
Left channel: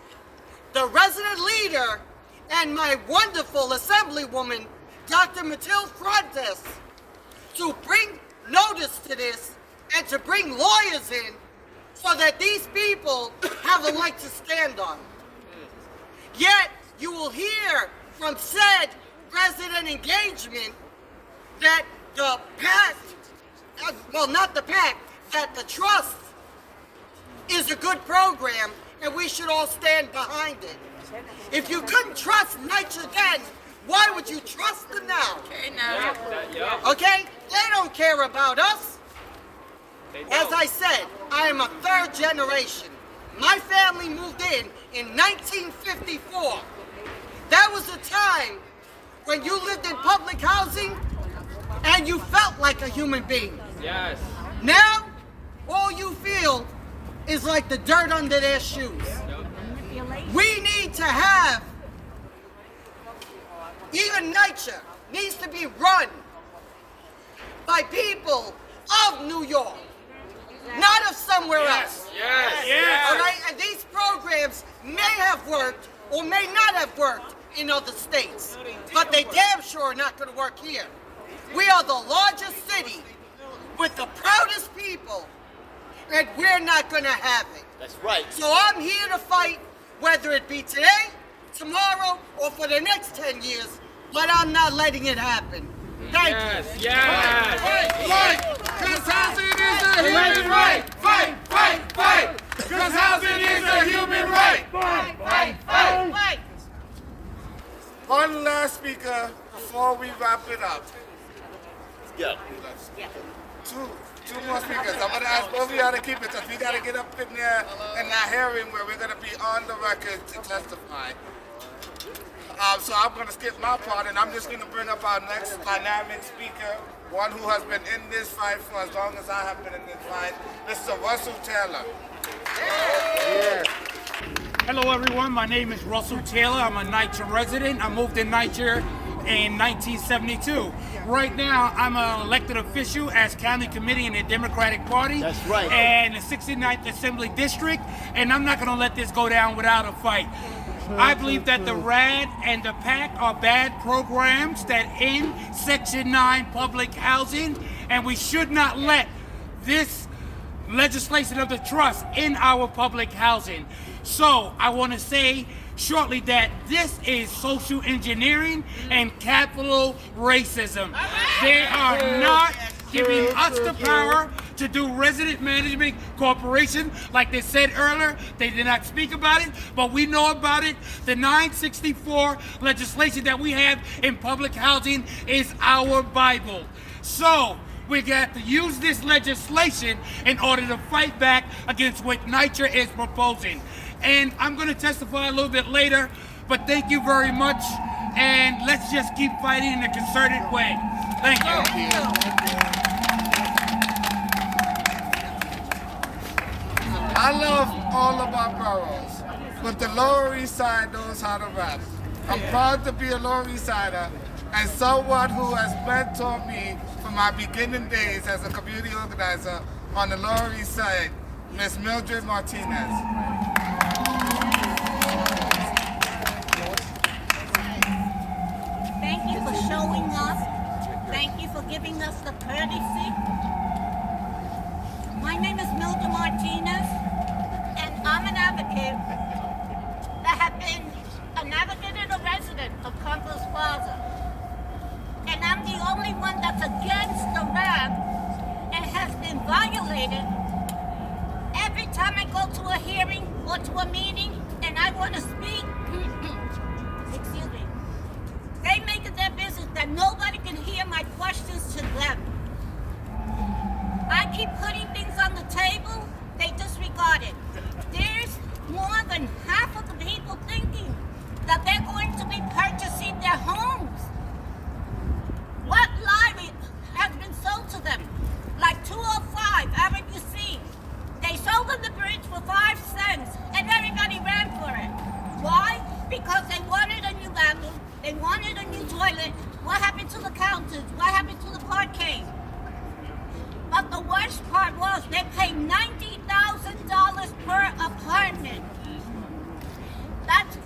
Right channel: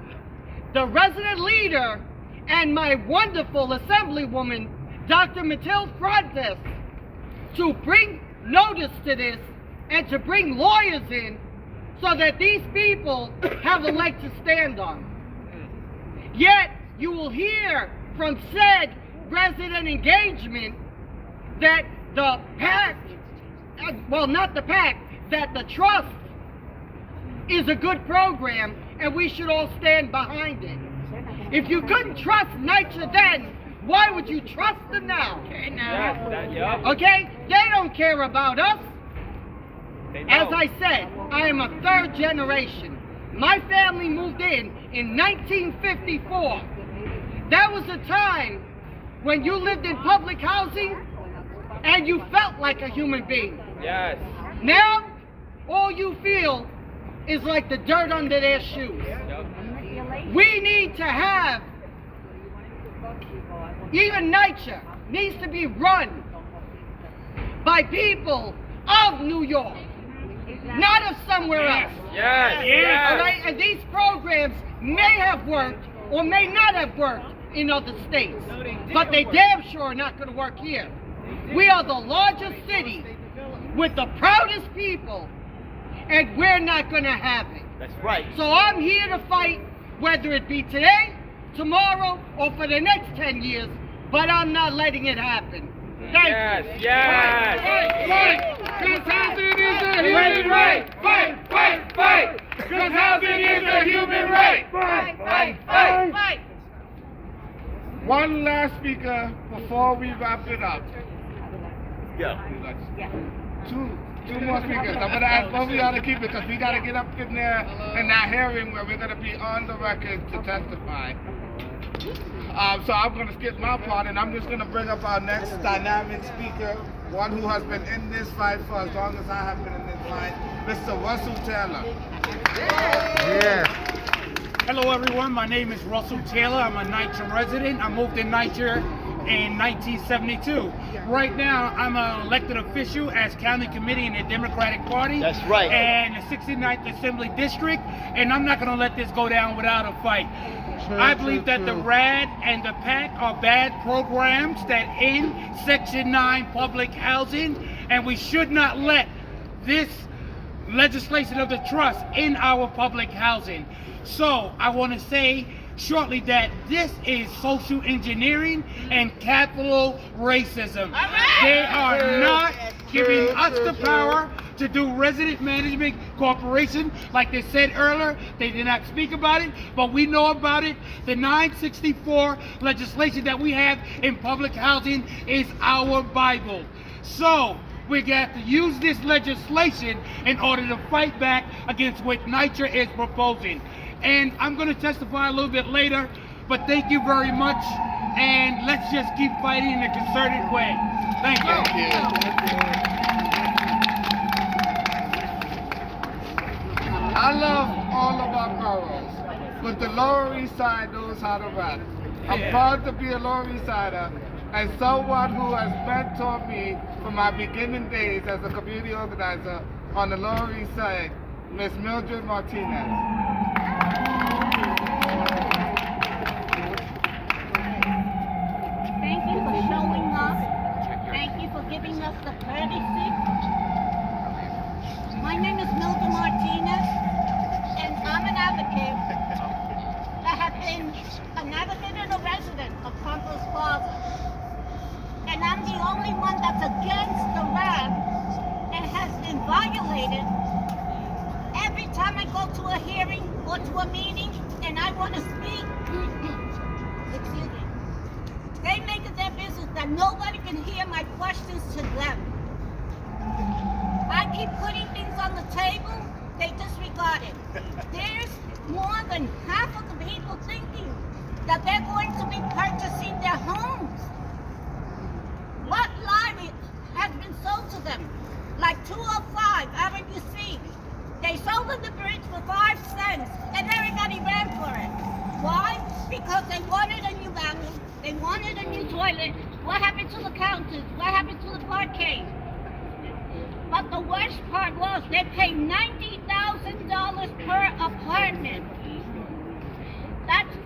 the resident leader, and my wonderful assemblywoman, Dr. Matilde Frontes, to bring notice to this and to bring lawyers in so that these people have a leg to stand on. Yet, you will hear from said resident engagement that the PAC, well, not the PAC, that the trust is a good program and we should all stand behind it. If you couldn't trust NYCHA then, why would you trust them now? Okay? They don't care about us. As I said, I am a third generation. My family moved in 1954. That was a time when you lived in public housing and you felt like a human being. Yes. Now, all you feel is like the dirt under their shoes. We need to have, even NYCHA needs to be run by people of New York, not of somewhere else. Yes. Yes. All right, and these programs may have worked or may not have worked in other states, but they damn sure are not going to work here. We are the largest city with the proudest people, and we're not going to have it. That's right. So I'm here to fight, whether it be today, tomorrow, or for the next 10 years, but I'm not letting it happen. Thank you. Yes. Fight! Because housing is a human right! Fight! Fight! Fight! Because housing is a human right! Fight. One last speaker before we wrap it up. Yeah. Two more speakers. I'm going to ask both of y'all to keep it because we got to get up in there in that hearing where we're going to be on the record to testify. So I'm going to skip my part and I'm just going to bring up our next dynamic speaker, one who has been in this fight for as long as I have been in this fight, Mr. Russell Taylor. Hello everyone, my name is Russell Taylor. I'm a NYCHA resident. I moved to NYCHA in 1972. Right now, I'm an elected official as county committee in the Democratic Party. That's right. And the 69th Assembly District, and I'm not gonna let this go down without a fight. I believe that the RAD and the PAC are bad programs that end Section 9 public housing, and we should not let this legislation of the trust in our public housing. So I want to say shortly that this is social engineering and capital racism. They are not giving us the power to do resident management corporation like they said earlier. They did not speak about it, but we know about it. The 964 legislation that we have in public housing is our Bible. So we got to use this legislation in order to fight back against what NYCHA is proposing. And I'm going to testify a little bit later, but thank you very much. And let's just keep fighting in a concerted way. Thank you. I love all of our boroughs, but the Lower East Side knows how to rap. I'm proud to be a Lower East Sider and someone who has mentored me from my beginning days as a community organizer on the Lower East Side, Ms. Mildred Martinez. Thank you for showing us. Thank you for giving us the courtesy. My name is Mildred Martinez, and I'm an advocate that have been an advocate and a resident of Campos Plaza. And I'm the only one that's against the RAD and has been violated. Every time I go to a hearing or to a meeting and I want to speak, excuse me, they make it their business that nobody can hear my questions to them. I keep putting things on the table, they disregard it. There's more than half of the people thinking that they're going to be purchasing their homes. What lie has been sold to them? Like 205 Avenue C. They sold them the bridge for 5 cents and everybody ran for it. Why? Because they wanted a new bathroom, they wanted a new toilet. What happened to the counters? What happened to the parquet? But the worst part was they paid $90,000 per apartment. That's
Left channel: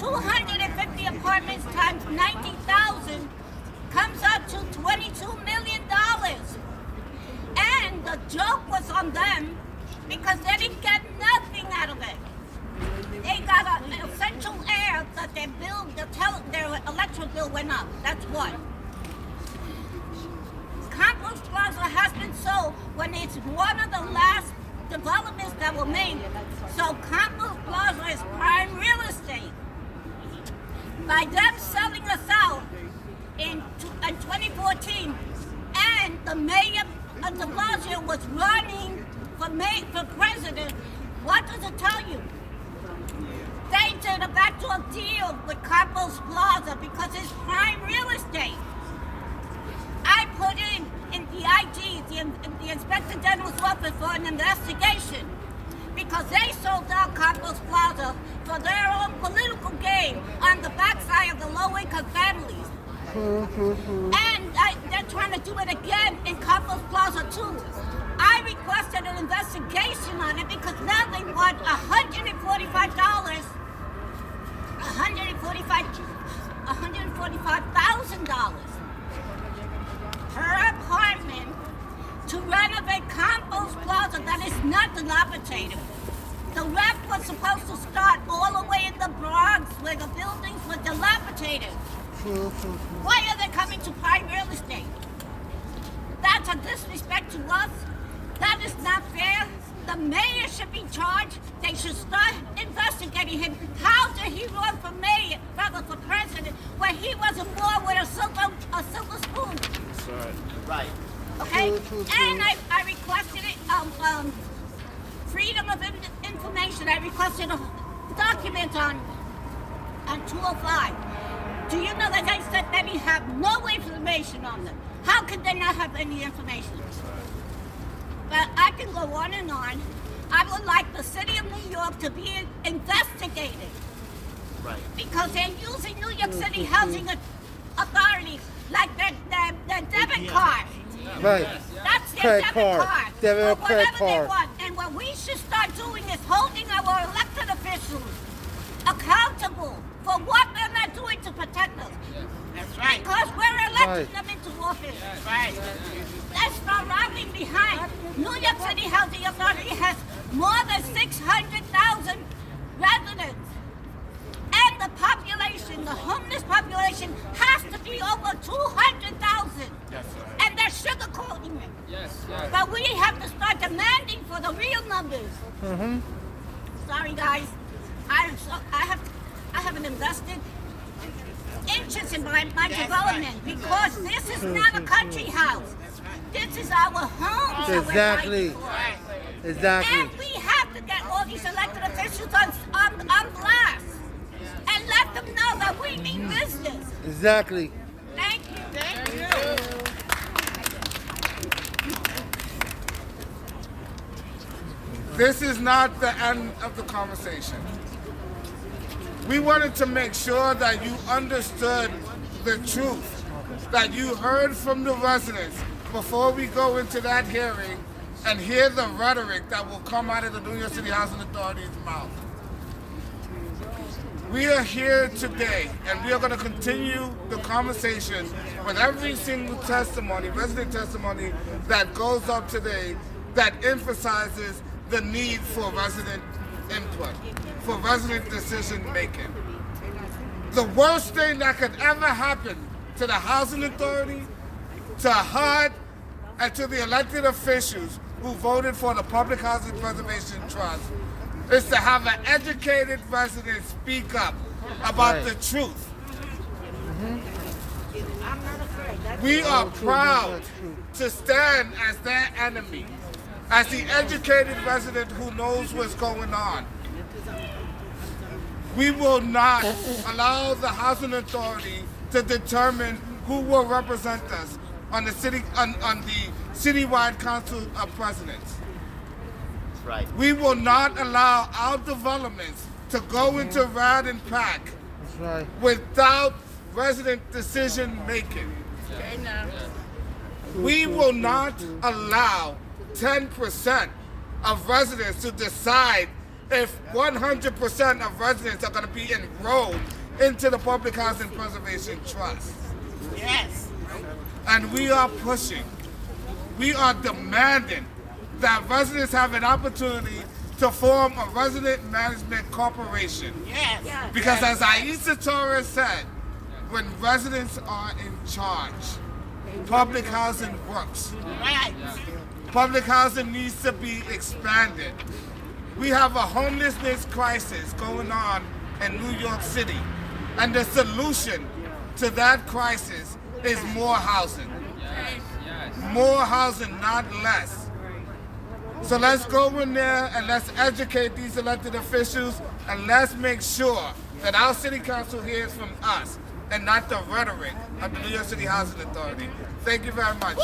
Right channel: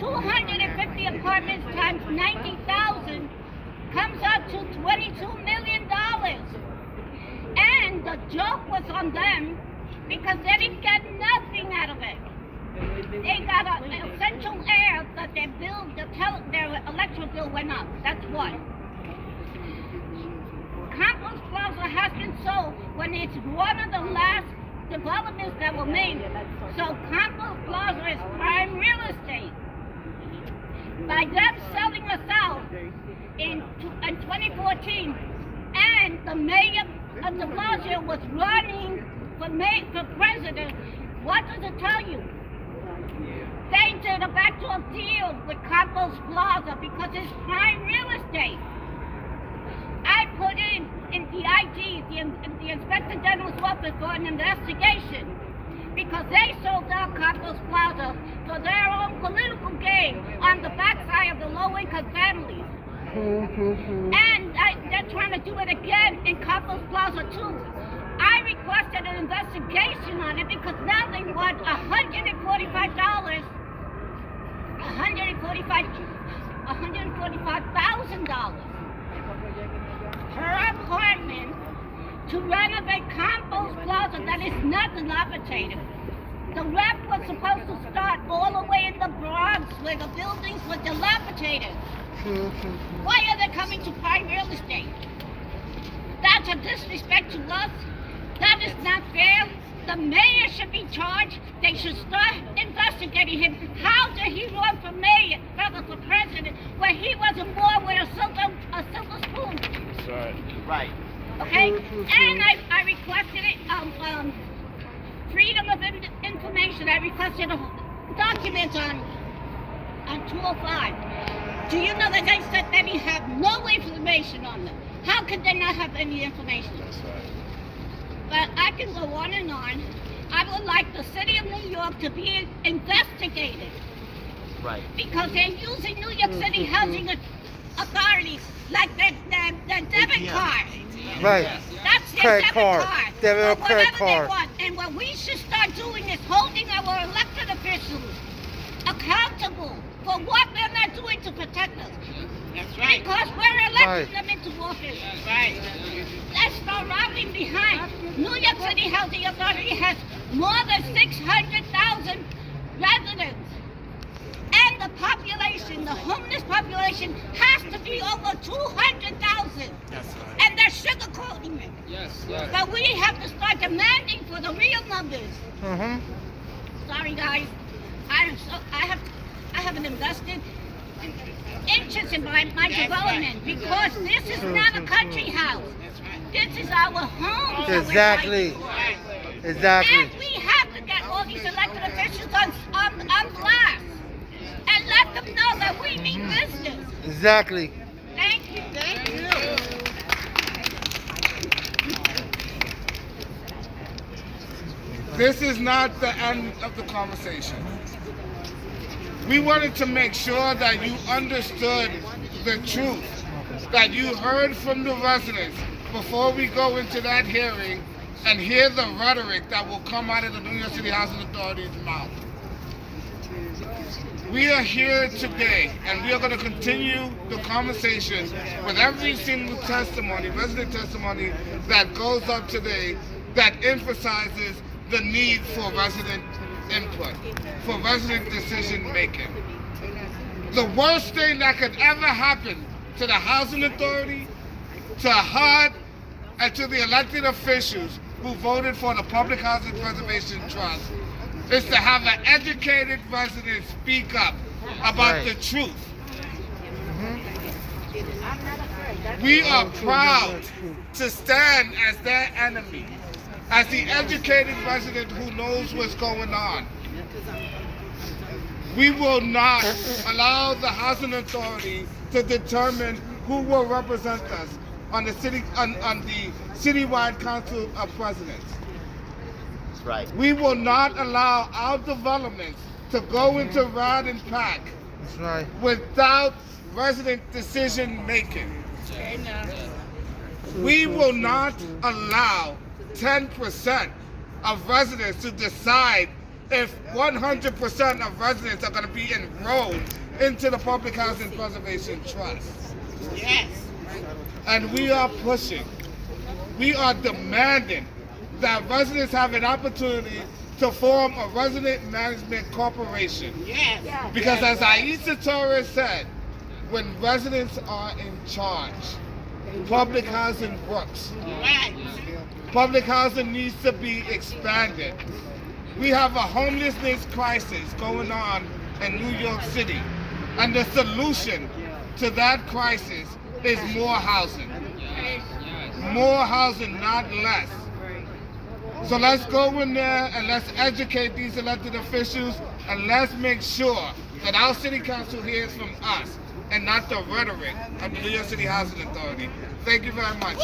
250 apartments times 90,000 comes up to $22 million. And the joke was on them because they didn't get nothing out of it. They got an essential air that their bill, their electric bill went up. That's what. Campos Plaza has been sold when it's one of the last developments that were made. So Campos Plaza is prime real estate. By them selling us out in 2014, and the mayor de Blasio was running for president, what does it tell you? They did a backdoor deal with Campos Plaza because it's prime real estate. I put in the IG, the Inspector General's office, for an investigation because they sold out Campos Plaza for their own political gain on the backside of the low-income families. And they're trying to do it again in Campos Plaza too. I requested an investigation on it because now they want $145,000 per apartment to renovate Campos Plaza that is not dilapidated. The rep was supposed to start all the way in the Bronx where the buildings were dilapidated. Why are they coming to prime real estate? That's a disrespect to us. That is not fair. The mayor should be charged. They should start investigating him. How did he run for mayor, rather for president, when he wasn't born with a silver spoon? That's right. Right. Okay? And I requested it, freedom of information. I requested a document on 205. Do you know that they said that they have no information on them? How could they not have any information? But I can go on and on. I would like the city of New York to be investigated. Right. Because they're using New York City Housing Authority like their debit card. Right. That's their Credit debit card. card. Debit For or credit whatever they card. want. And what we should start doing is holding our elected officials accountable for what they're not doing to protect us. That's right. Because we're electing Right. them into office. That's right. Let's start rallying behind. New York City Housing Authority has more than 600,000 residents. And the population, the homeless population, has to be over 200,000. And they're sugarcoating it. But we have to start demanding for the real numbers. Sorry, guys. I haven't invested interest in my development because this is not a country house. This is our home. that we're Exactly. fighting for. Exactly. And we have to get all these elected officials on blast and let them know that we mean business. Exactly. Thank you. Thank you. This is not the end of the conversation. We wanted to make sure that you understood the truth, that you heard from the residents before we go into that hearing and hear the rhetoric that will come out of the New York City Housing Authority's mouth. We are here today, and we are going to continue the conversation with every single testimony, resident testimony that goes up today that emphasizes the need for resident input, for resident decision making. The worst thing that could ever happen to the Housing Authority, to HUD, and to the elected officials who voted for the Public Housing Preservation Trust is to have an educated resident speak up about the truth. We are proud to stand as their enemy, as the educated resident who knows what's going on. We will not allow the Housing Authority to determine who will represent us on the citywide Council of Presidents. That's right. We will not allow our developments to go into RAD and PAC That's right. without resident decision making. Okay, now. We will not allow 10% of residents to decide if 100% of residents are going to be enrolled into the Public Housing Preservation Trust. Yes. And we are pushing, we are demanding that residents have an opportunity to form a resident management corporation. Yes. Because as Aisha Torres said, when residents are in charge, public housing works. Right. Public housing needs to be expanded. We have a homelessness crisis going on in New York City. And the solution to that crisis is more housing. more housing, not less. So let's go in there and let's educate these elected officials, and let's make sure that our city council hears from us and not the rhetoric of the New York City Housing Authority. Thank you very much.